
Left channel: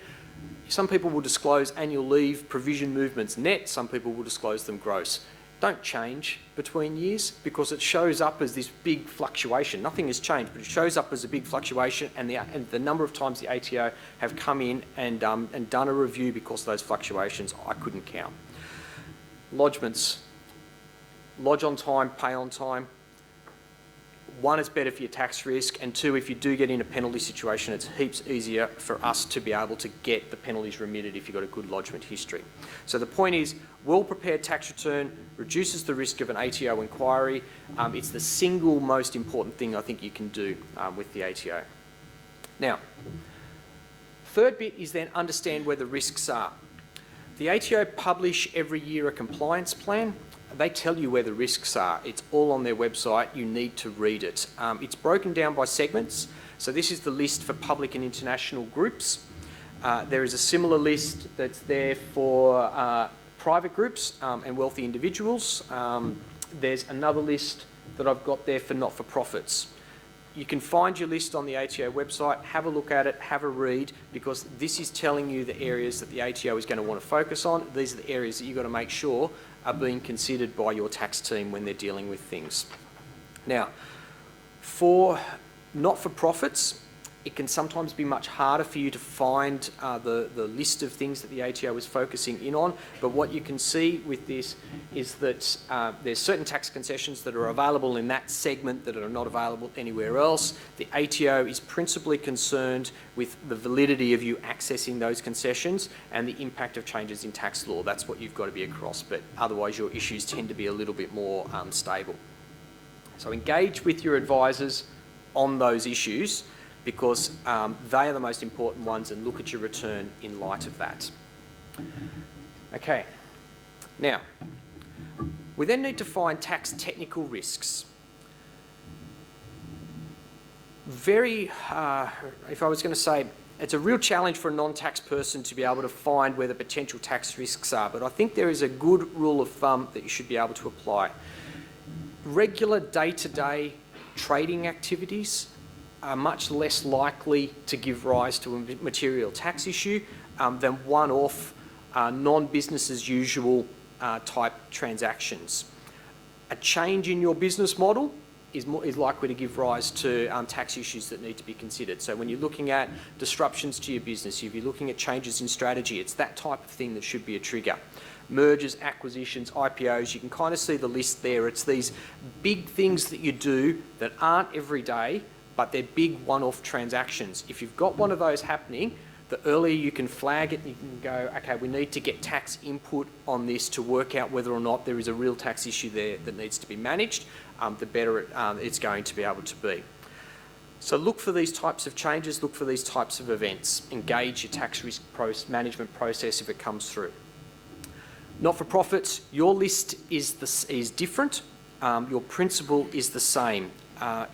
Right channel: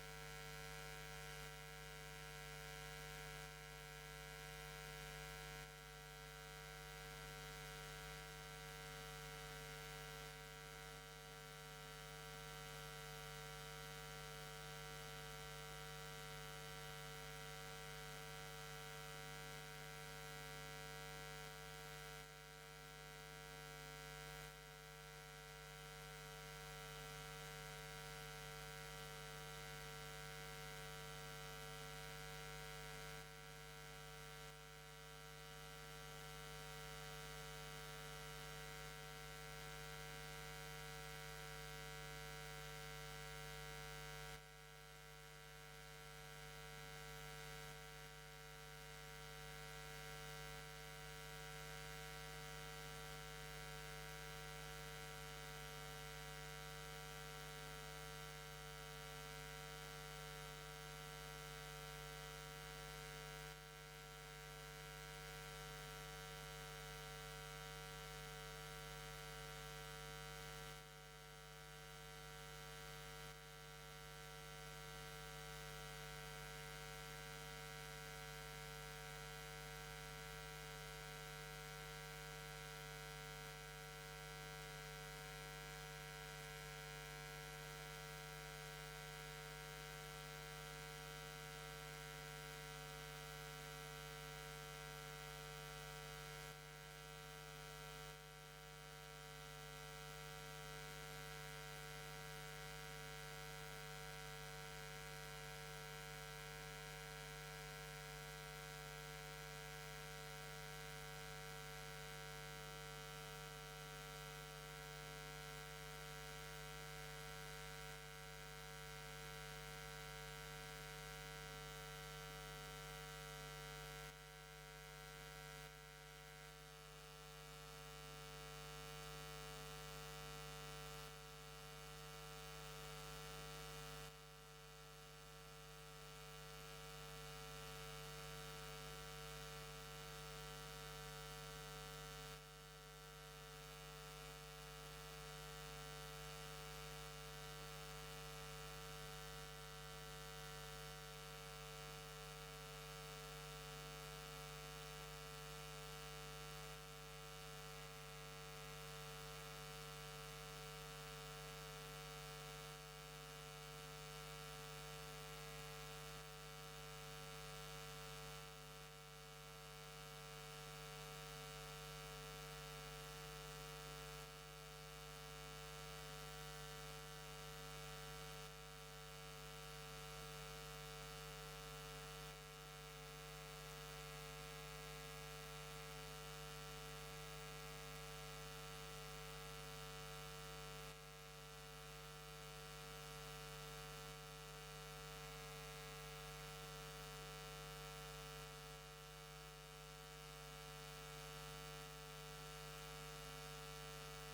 Some people will disclose annual leave provision movements net, some people will disclose them gross. Don't change between years because it shows up as this big fluctuation. Nothing has changed, but it shows up as a big fluctuation, and the number of times the ATO have come in and done a review because of those fluctuations, I couldn't count. Lodgements. Lodge on time, pay on time. One, it's better for your tax risk, and two, if you do get in a penalty situation, it's heaps easier for us to be able to get the penalties remitted if you've got a good lodgement history. So the point is, well-prepared tax return reduces the risk of an ATO inquiry. It's the single most important thing I think you can do with the ATO. Now, third bit is then understand where the risks are. The ATO publish every year a compliance plan. They tell you where the risks are. It's all on their website. You need to read it. It's broken down by segments. So this is the list for public and international groups. There is a similar list that's there for private groups and wealthy individuals. There's another list that I've got there for not-for-profits. You can find your list on the ATO website, have a look at it, have a read, because this is telling you the areas that the ATO is going to want to focus on. These are the areas that you've got to make sure are being considered by your tax team when they're dealing with things. Now, for not-for-profits, it can sometimes be much harder for you to find the list of things that the ATO is focusing in on, but what you can see with this is that there's certain tax concessions that are available in that segment that are not available anywhere else. The ATO is principally concerned with the validity of you accessing those concessions and the impact of changes in tax law. That's what you've got to be across, but otherwise your issues tend to be a little bit more stable. So engage with your advisors on those issues, because they are the most important ones, and look at your return in light of that. Okay, now, we then need to find tax technical risks. If I was going to say, it's a real challenge for a non-tax person to be able to find where the potential tax risks are, but I think there is a good rule of thumb that you should be able to apply. Regular day-to-day trading activities are much less likely to give rise to a material tax issue than one-off, non-business as usual type transactions. A change in your business model is likely to give rise to tax issues that need to be considered. So when you're looking at disruptions to your business, if you're looking at changes in strategy, it's that type of thing that should be a trigger. Mergers, acquisitions, IPOs, you can kind of see the list there. It's these big things that you do that aren't every day, but they're big one-off transactions. If you've got one of those happening, the earlier you can flag it, you can go, okay, we need to get tax input on this to work out whether or not there is a real tax issue there that needs to be managed, the better it's going to be able to be. So look for these types of changes, look for these types of events, engage your tax risk management process if it comes through. Not-for-profits, your list is different, your principle is the same.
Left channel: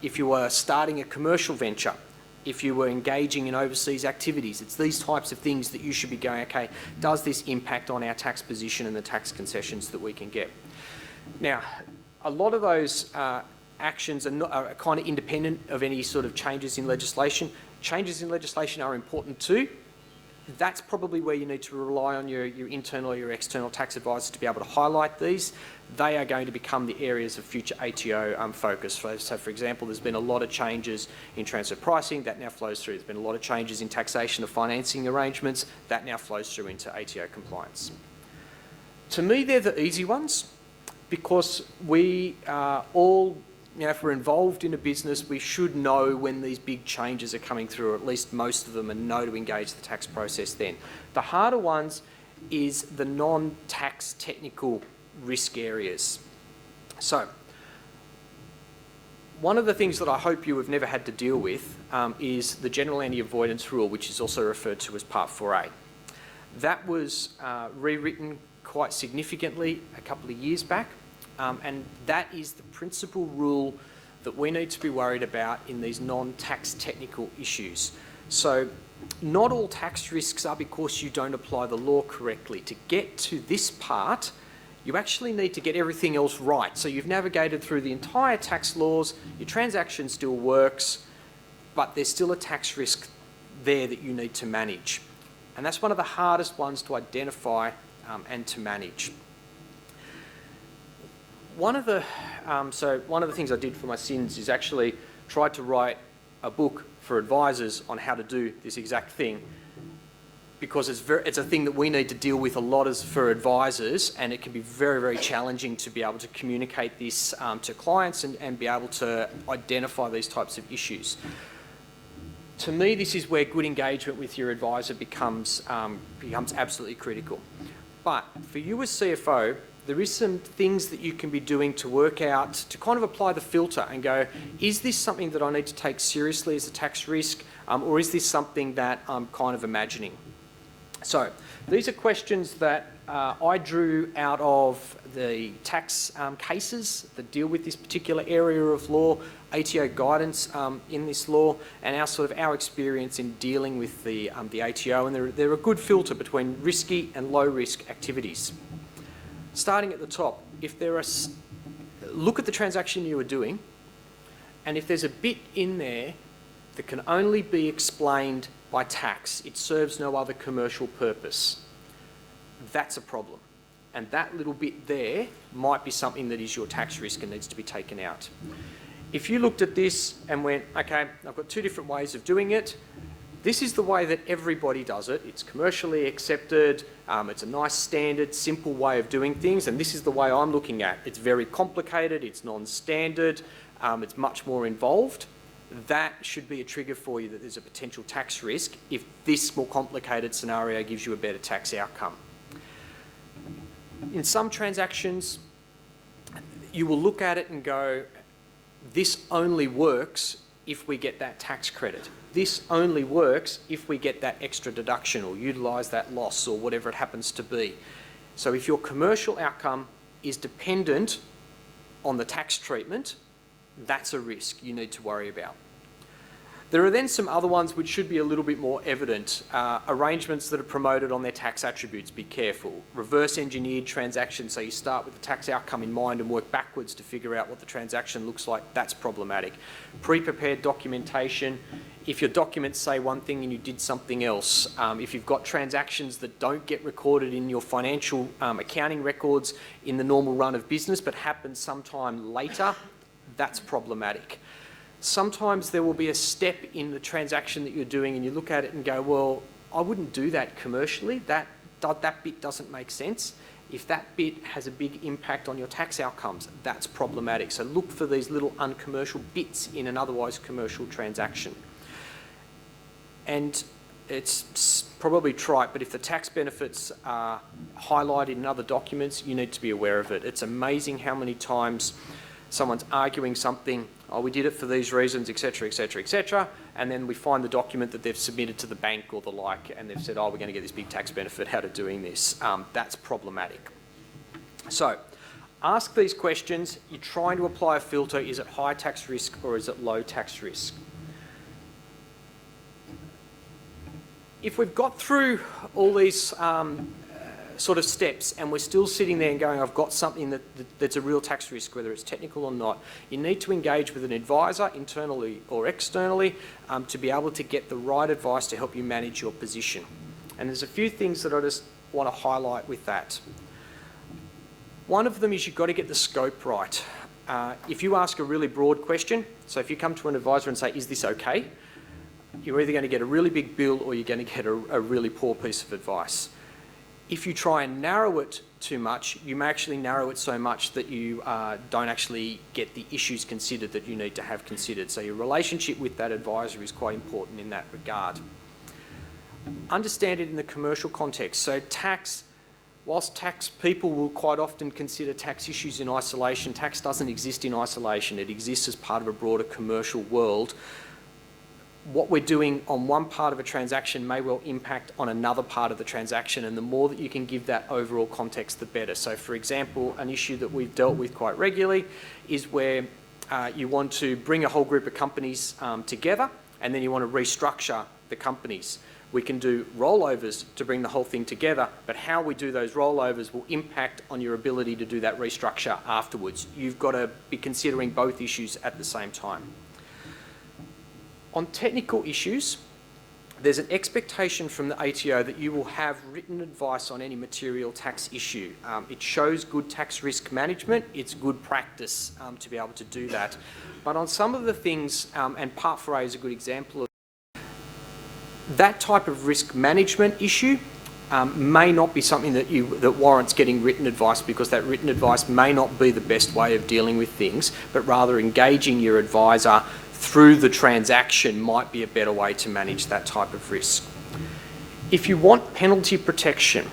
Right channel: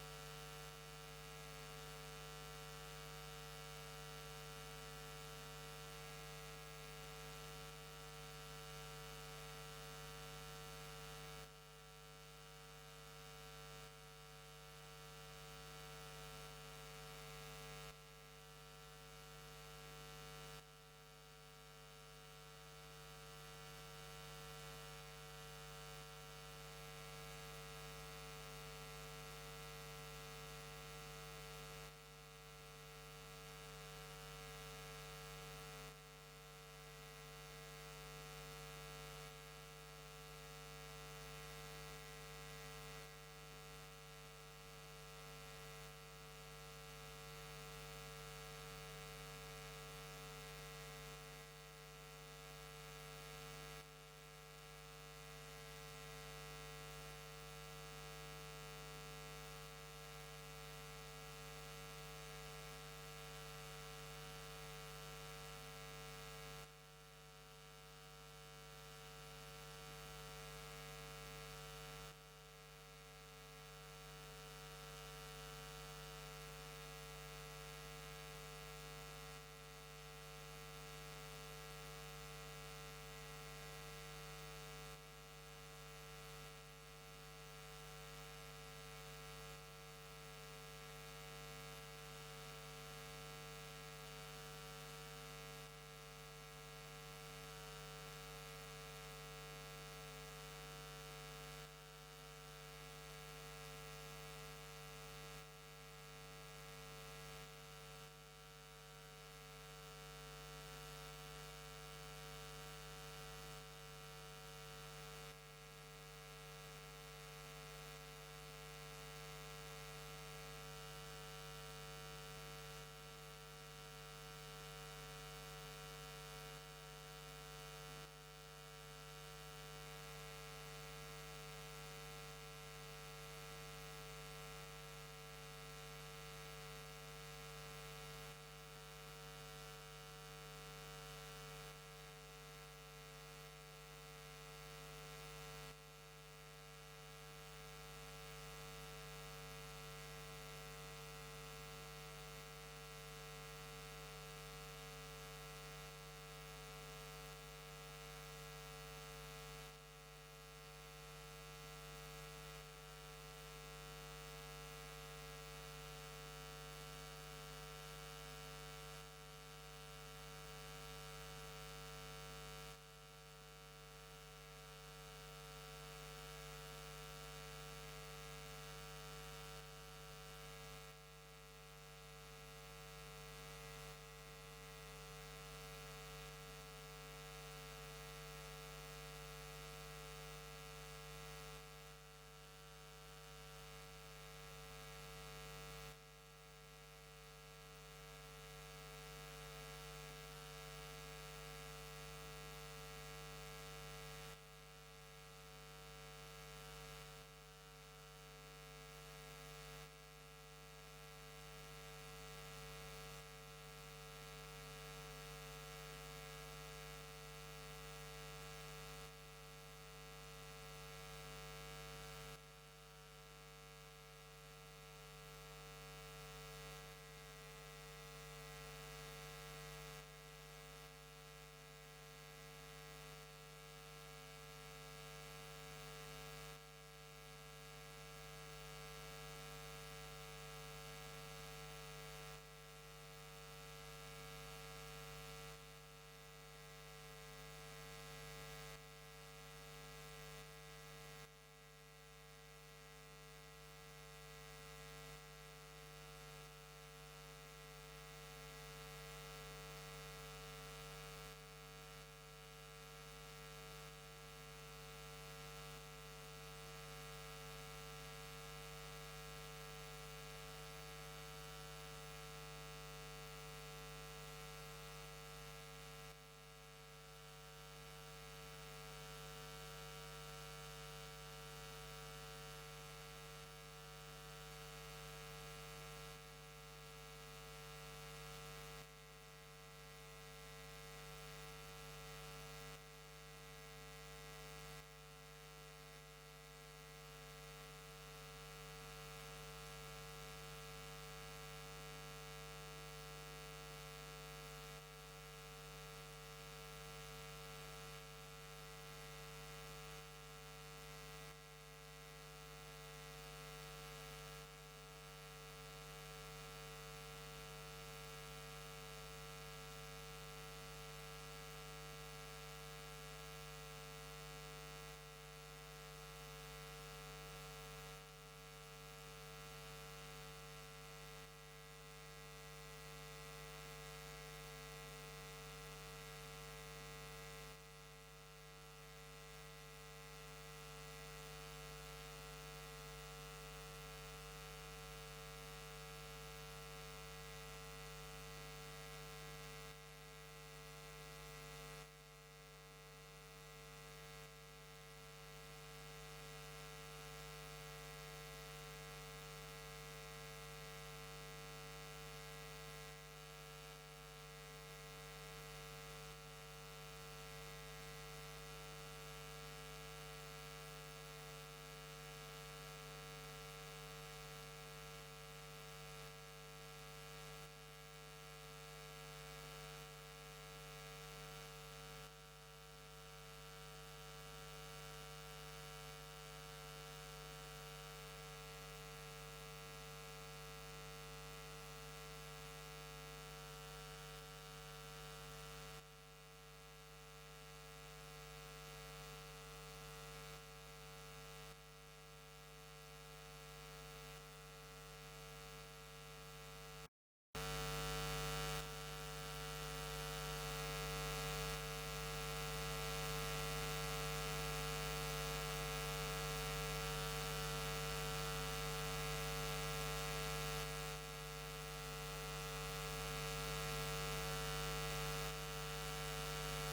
If you are starting a commercial venture, if you were engaging in overseas activities, it's these types of things that you should be going, okay, does this impact on our tax position and the tax concessions that we can get? Now, a lot of those actions are kind of independent of any sort of changes in legislation. Changes in legislation are important too. That's probably where you need to rely on your internal or your external tax advisors to be able to highlight these. They are going to become the areas of future ATO focus. So for example, there's been a lot of changes in transfer pricing, that now flows through. There's been a lot of changes in taxation of financing arrangements, that now flows through into ATO compliance. To me, they're the easy ones because we all, if we're involved in a business, we should know when these big changes are coming through, or at least most of them, and know to engage the tax process then. The harder ones is the non-tax technical risk areas. So, one of the things that I hope you have never had to deal with is the general anti-avoidance rule, which is also referred to as Part 4A. That was rewritten quite significantly a couple of years back, and that is the principal rule that we need to be worried about in these non-tax technical issues. So, not all tax risks are because you don't apply the law correctly. To get to this part, you actually need to get everything else right. So you've navigated through the entire tax laws, your transaction still works, but there's still a tax risk there that you need to manage. And that's one of the hardest ones to identify and to manage. One of the things I did for my sins is actually tried to write a book for advisors on how to do this exact thing, because it's a thing that we need to deal with a lot as for advisors, and it can be very, very challenging to be able to communicate this to clients and be able to identify these types of issues. To me, this is where good engagement with your advisor becomes absolutely critical. But for you as CFO, there is some things that you can be doing to work out, to kind of apply the filter and go, is this something that I need to take seriously as a tax risk, or is this something that I'm kind of imagining? So these are questions that I drew out of the tax cases that deal with this particular area of law, ATO guidance in this law, and our experience in dealing with the ATO, and they're a good filter between risky and low risk activities. Starting at the top, look at the transaction you are doing, and if there's a bit in there that can only be explained by tax, it serves no other commercial purpose, that's a problem. And that little bit there might be something that is your tax risk and needs to be taken out. If you looked at this and went, okay, I've got two different ways of doing it, this is the way that everybody does it, it's commercially accepted, it's a nice standard, simple way of doing things, and this is the way I'm looking at. It's very complicated, it's non-standard, it's much more involved. That should be a trigger for you that there's a potential tax risk if this more complicated scenario gives you a better tax outcome. In some transactions, you will look at it and go, this only works if we get that tax credit. This only works if we get that extra deduction or utilise that loss or whatever it happens to be. So if your commercial outcome is dependent on the tax treatment, that's a risk you need to worry about. There are then some other ones which should be a little bit more evident. Arrangements that are promoted on their tax attributes, be careful. Reverse engineered transactions, so you start with the tax outcome in mind and work backwards to figure out what the transaction looks like, that's problematic. Pre-prepared documentation, if your documents say one thing and you did something else, if you've got transactions that don't get recorded in your financial accounting records in the normal run of business but happen sometime later, that's problematic. Sometimes there will be a step in the transaction that you're doing and you look at it and go, well, I wouldn't do that commercially. That bit doesn't make sense. If that bit has a big impact on your tax outcomes, that's problematic. So look for these little uncommercial bits in an otherwise commercial transaction. And it's probably trite, but if the tax benefits are highlighted in other documents, you need to be aware of it. It's amazing how many times someone's arguing something, oh, we did it for these reasons, etc., etc., etc., and then we find the document that they've submitted to the bank or the like, and they've said, oh, we're going to get this big tax benefit out of doing this. That's problematic. So, ask these questions. You're trying to apply a filter. Is it high tax risk or is it low tax risk? If we've got through all these sort of steps and we're still sitting there and going, I've got something that's a real tax risk, whether it's technical or not, you need to engage with an advisor, internally or externally, to be able to get the right advice to help you manage your position. And there's a few things that I just want to highlight with that. One of them is you've got to get the scope right. If you ask a really broad question, so if you come to an advisor and say, is this okay? You're either going to get a really big bill or you're going to get a really poor piece of advice. If you try and narrow it too much, you may actually narrow it so much that you don't actually get the issues considered that you need to have considered. So your relationship with that advisor is quite important in that regard. Understand it in the commercial context. So tax, whilst tax people will quite often consider tax issues in isolation, tax doesn't exist in isolation. It exists as part of a broader commercial world. What we're doing on one part of a transaction may well impact on another part of the transaction, and the more that you can give that overall context, the better. So for example, an issue that we've dealt with quite regularly is where you want to bring a whole group of companies together and then you want to restructure the companies. We can do rollovers to bring the whole thing together, but how we do those rollovers will impact on your ability to do that restructure afterwards. You've got to be considering both issues at the same time. On technical issues, there's an expectation from the ATO that you will have written advice on any material tax issue. It shows good tax risk management. It's good practice to be able to do that. But on some of the things, and Part 4A is a good example of that type of risk management issue, may not be something that warrants getting written advice, because that written advice may not be the best way of dealing with things, but rather engaging your advisor through the transaction might be a better way to manage that type of risk. If you want penalty protection,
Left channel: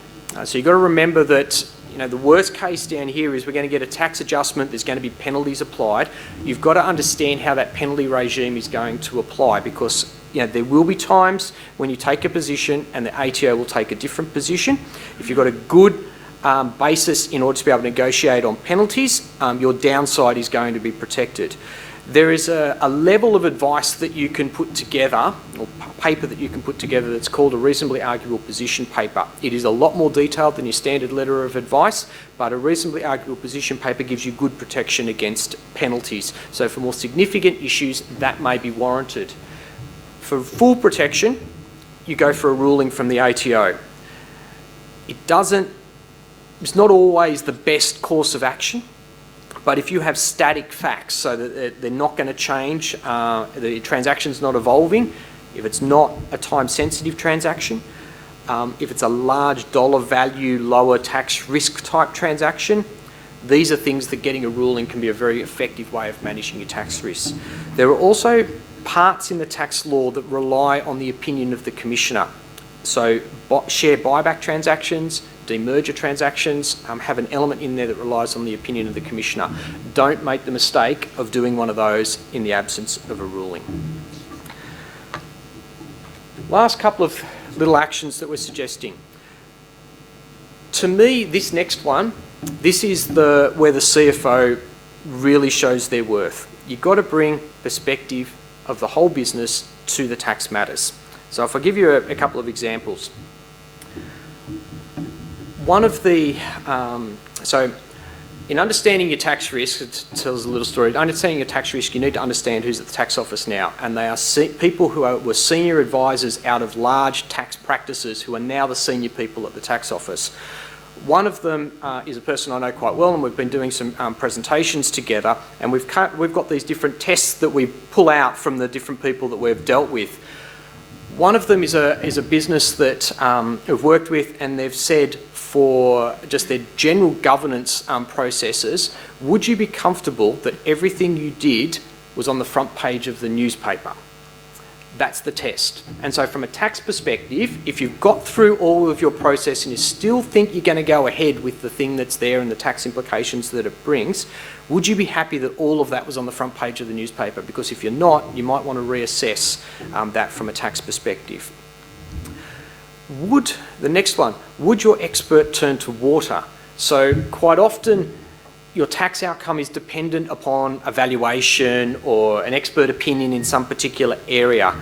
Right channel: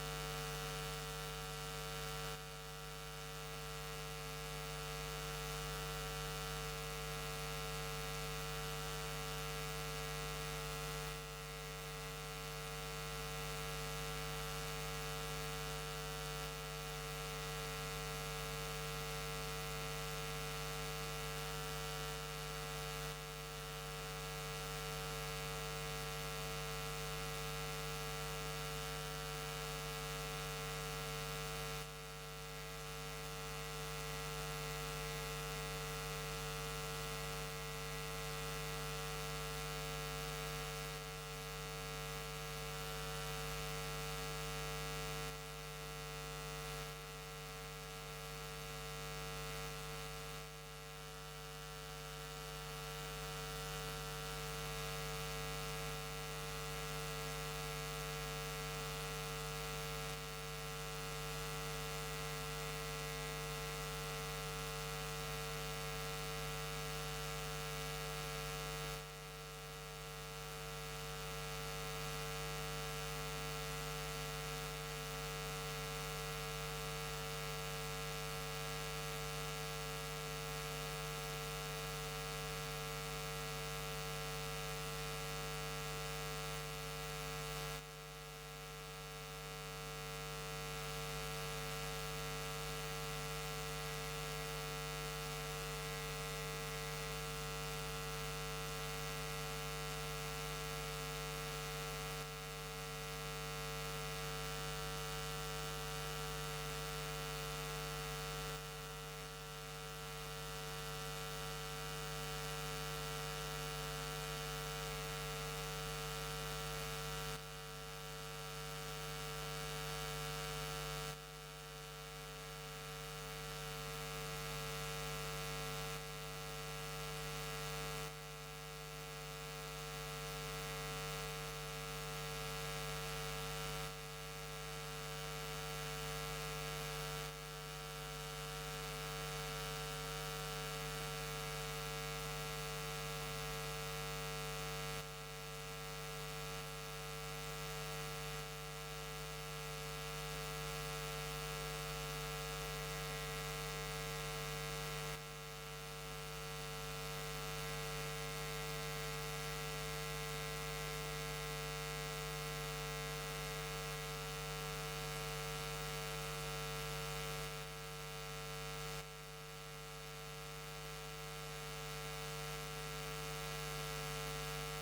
so you've got to remember that the worst case down here is we're going to get a tax adjustment, there's going to be penalties applied. You've got to understand how that penalty regime is going to apply, because there will be times when you take a position and the ATO will take a different position. If you've got a good basis in order to be able to negotiate on penalties, your downside is going to be protected. There is a level of advice that you can put together, or paper that you can put together, that's called a reasonably arguable position paper. It is a lot more detailed than your standard letter of advice, but a reasonably arguable position paper gives you good protection against penalties. So for more significant issues, that may be warranted. For full protection, you go for a ruling from the ATO. It's not always the best course of action. But if you have static facts, so that they're not going to change, the transaction's not evolving, if it's not a time-sensitive transaction, if it's a large dollar value, lower tax risk type transaction, these are things that getting a ruling can be a very effective way of managing your tax risks. There are also parts in the tax law that rely on the opinion of the Commissioner. So share buyback transactions, demerger transactions have an element in there that relies on the opinion of the Commissioner. Don't make the mistake of doing one of those in the absence of a ruling. Last couple of little actions that we're suggesting. to me, this next one, this is where the CFO really shows their worth. You've got to bring perspective of the whole business to the tax matters. So if I give you a couple of examples. One of the, so in understanding your tax risk, it tells a little story. Understanding your tax risk, you need to understand who's at the tax office now. And they are people who were senior advisors out of large tax practices who are now the senior people at the tax office. One of them is a person I know quite well, and we've been doing some presentations together, and we've got these different tests that we pull out from the different people that we've dealt with. One of them is a business that we've worked with, and they've said for just their general governance processes, would you be comfortable that everything you did was on the front page of the newspaper? That's the test. And so from a tax perspective, if you've got through all of your process and you still think you're going to go ahead with the thing that's there and the tax implications that it brings, would you be happy that all of that was on the front page of the newspaper? Because if you're not, you might want to reassess that from a tax perspective. The next one, would your expert turn to water? So quite often, your tax outcome is dependent upon a valuation or an expert opinion in some particular area.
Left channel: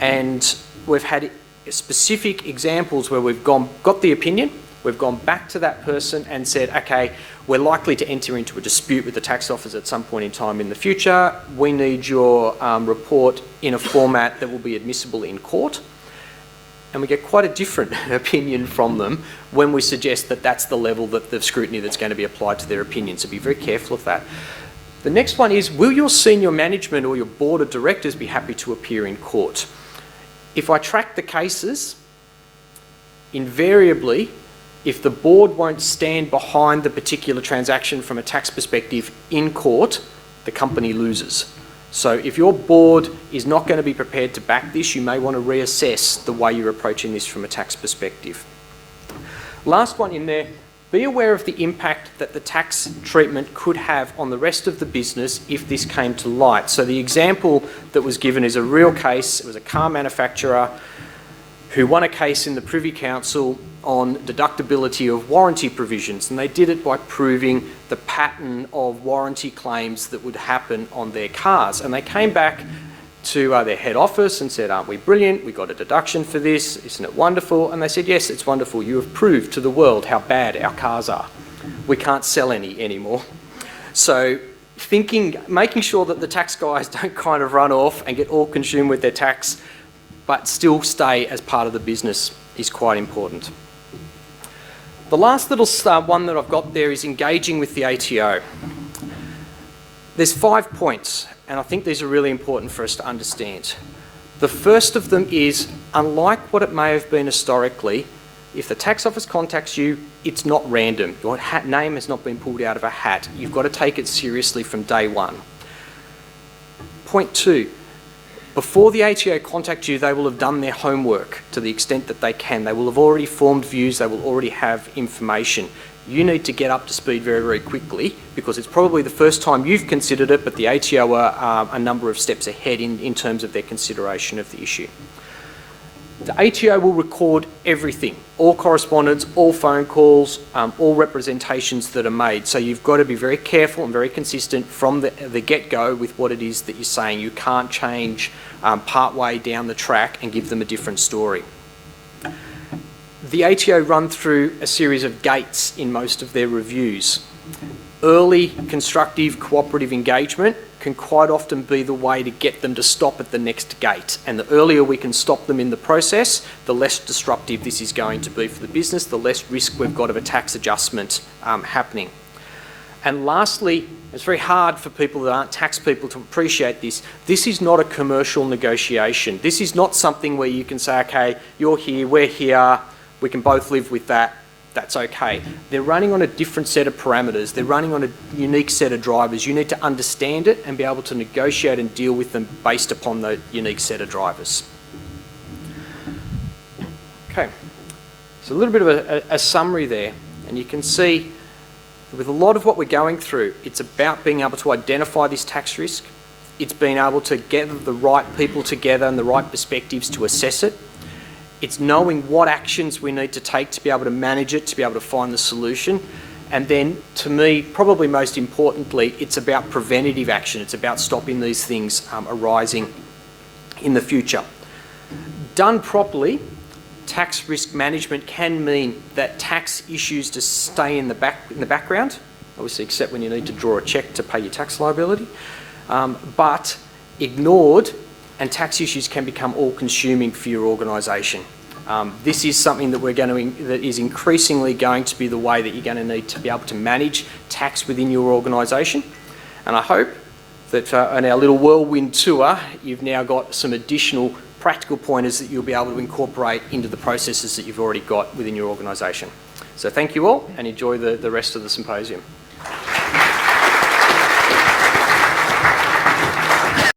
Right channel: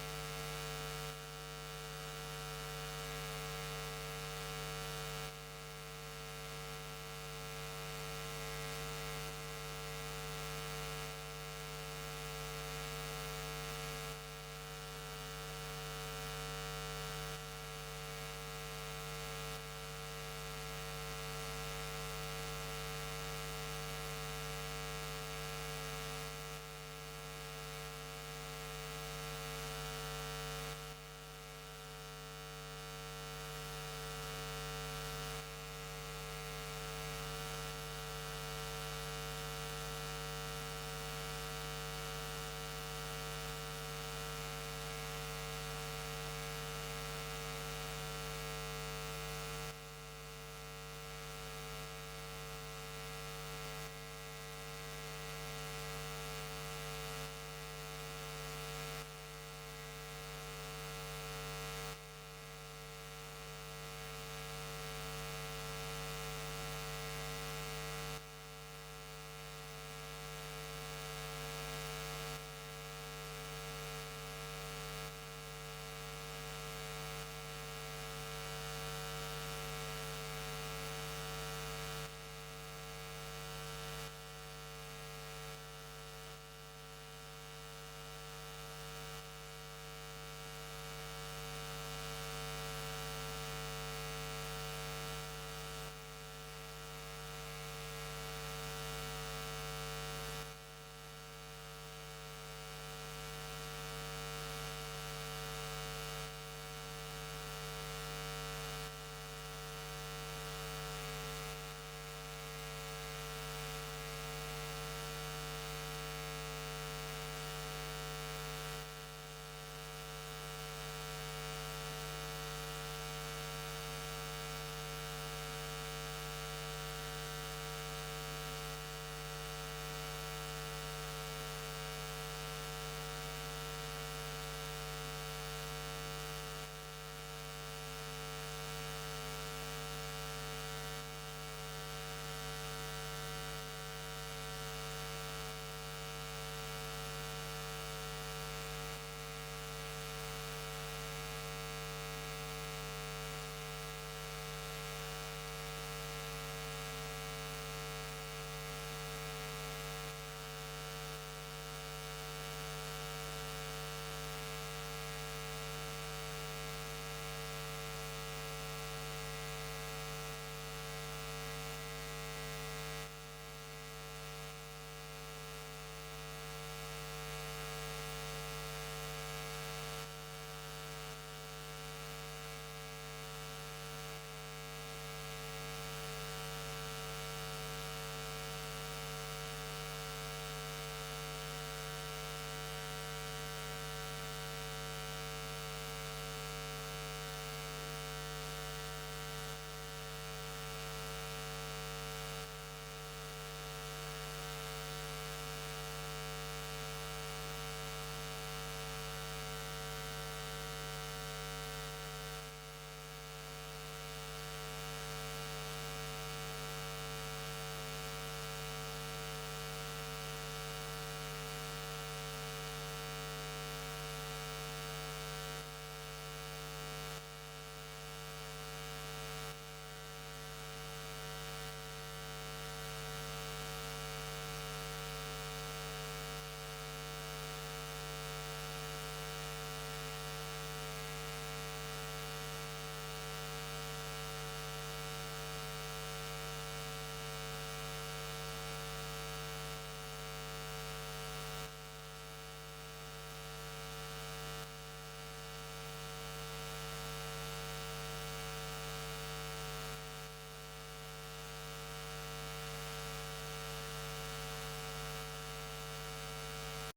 And we've had specific examples where we've got the opinion, we've gone back to that person and said, okay, we're likely to enter into a dispute with the tax office at some point in time in the future. We need your report in a format that will be admissible in court. And we get quite a different opinion from them when we suggest that that's the level that the scrutiny that's going to be applied to their opinion. So be very careful of that. The next one is, will your senior management or your board of directors be happy to appear in court? If I track the cases, invariably, if the board won't stand behind the particular transaction from a tax perspective in court, the company loses. So if your board is not going to be prepared to back this, you may want to reassess the way you're approaching this from a tax perspective. Last one in there, be aware of the impact that the tax treatment could have on the rest of the business if this came to light. So the example that was given is a real case. It was a car manufacturer who won a case in the Privy Council on deductibility of warranty provisions, and they did it by proving the pattern of warranty claims that would happen on their cars. And they came back to their head office and said, aren't we brilliant? We got a deduction for this, isn't it wonderful? And they said, yes, it's wonderful. You have proved to the world how bad our cars are. We can't sell any anymore. So making sure that the tax guys don't kind of run off and get all consumed with their tax, but still stay as part of the business is quite important. The last little one that I've got there is engaging with the ATO. There's 5 points, and I think these are really important for us to understand. The first of them is, unlike what it may have been historically, if the tax office contacts you, it's not random. Your name has not been pulled out of a hat. You've got to take it seriously from day one. Point 2. Before the ATO contact you, they will have done their homework to the extent that they can. They will have already formed views, they will already have information. You need to get up to speed very, very quickly because it's probably the first time you've considered it, but the ATO are a number of steps ahead in terms of their consideration of the issue. The ATO will record everything, all correspondence, all phone calls, all representations that are made. So you've got to be very careful and very consistent from the get-go with what it is that you're saying. You can't change part-way down the track and give them a different story. The ATO run through a series of gates in most of their reviews. Early, constructive, cooperative engagement can quite often be the way to get them to stop at the next gate. And the earlier we can stop them in the process, the less disruptive this is going to be for the business, the less risk we've got of a tax adjustment happening. And lastly, it's very hard for people that aren't tax people to appreciate this. This is not a commercial negotiation. This is not something where you can say, okay, you're here, we're here, we can both live with that. That's okay. They're running on a different set of parameters. They're running on a unique set of drivers. You need to understand it and be able to negotiate and deal with them based upon the unique set of drivers. Okay, so a little bit of a summary there, and you can see with a lot of what we're going through, it's about being able to identify this tax risk. It's being able to get the right people together and the right perspectives to assess it. It's knowing what actions we need to take to be able to manage it, to be able to find the solution. And then, to me, probably most importantly, it's about preventative action. It's about stopping these things arising in the future. Done properly, tax risk management can mean that tax issues just stay in the background, obviously except when you need to draw a cheque to pay your tax liability, but ignored, and tax issues can become all-consuming for your organisation. This is something that that is increasingly going to be the way that you're going to need to be able to manage tax within your organisation. And I hope that on our little whirlwind tour, you've now got some additional practical pointers that you'll be able to incorporate into the processes that you've already got within your organisation. So thank you all, and enjoy the rest of the symposium.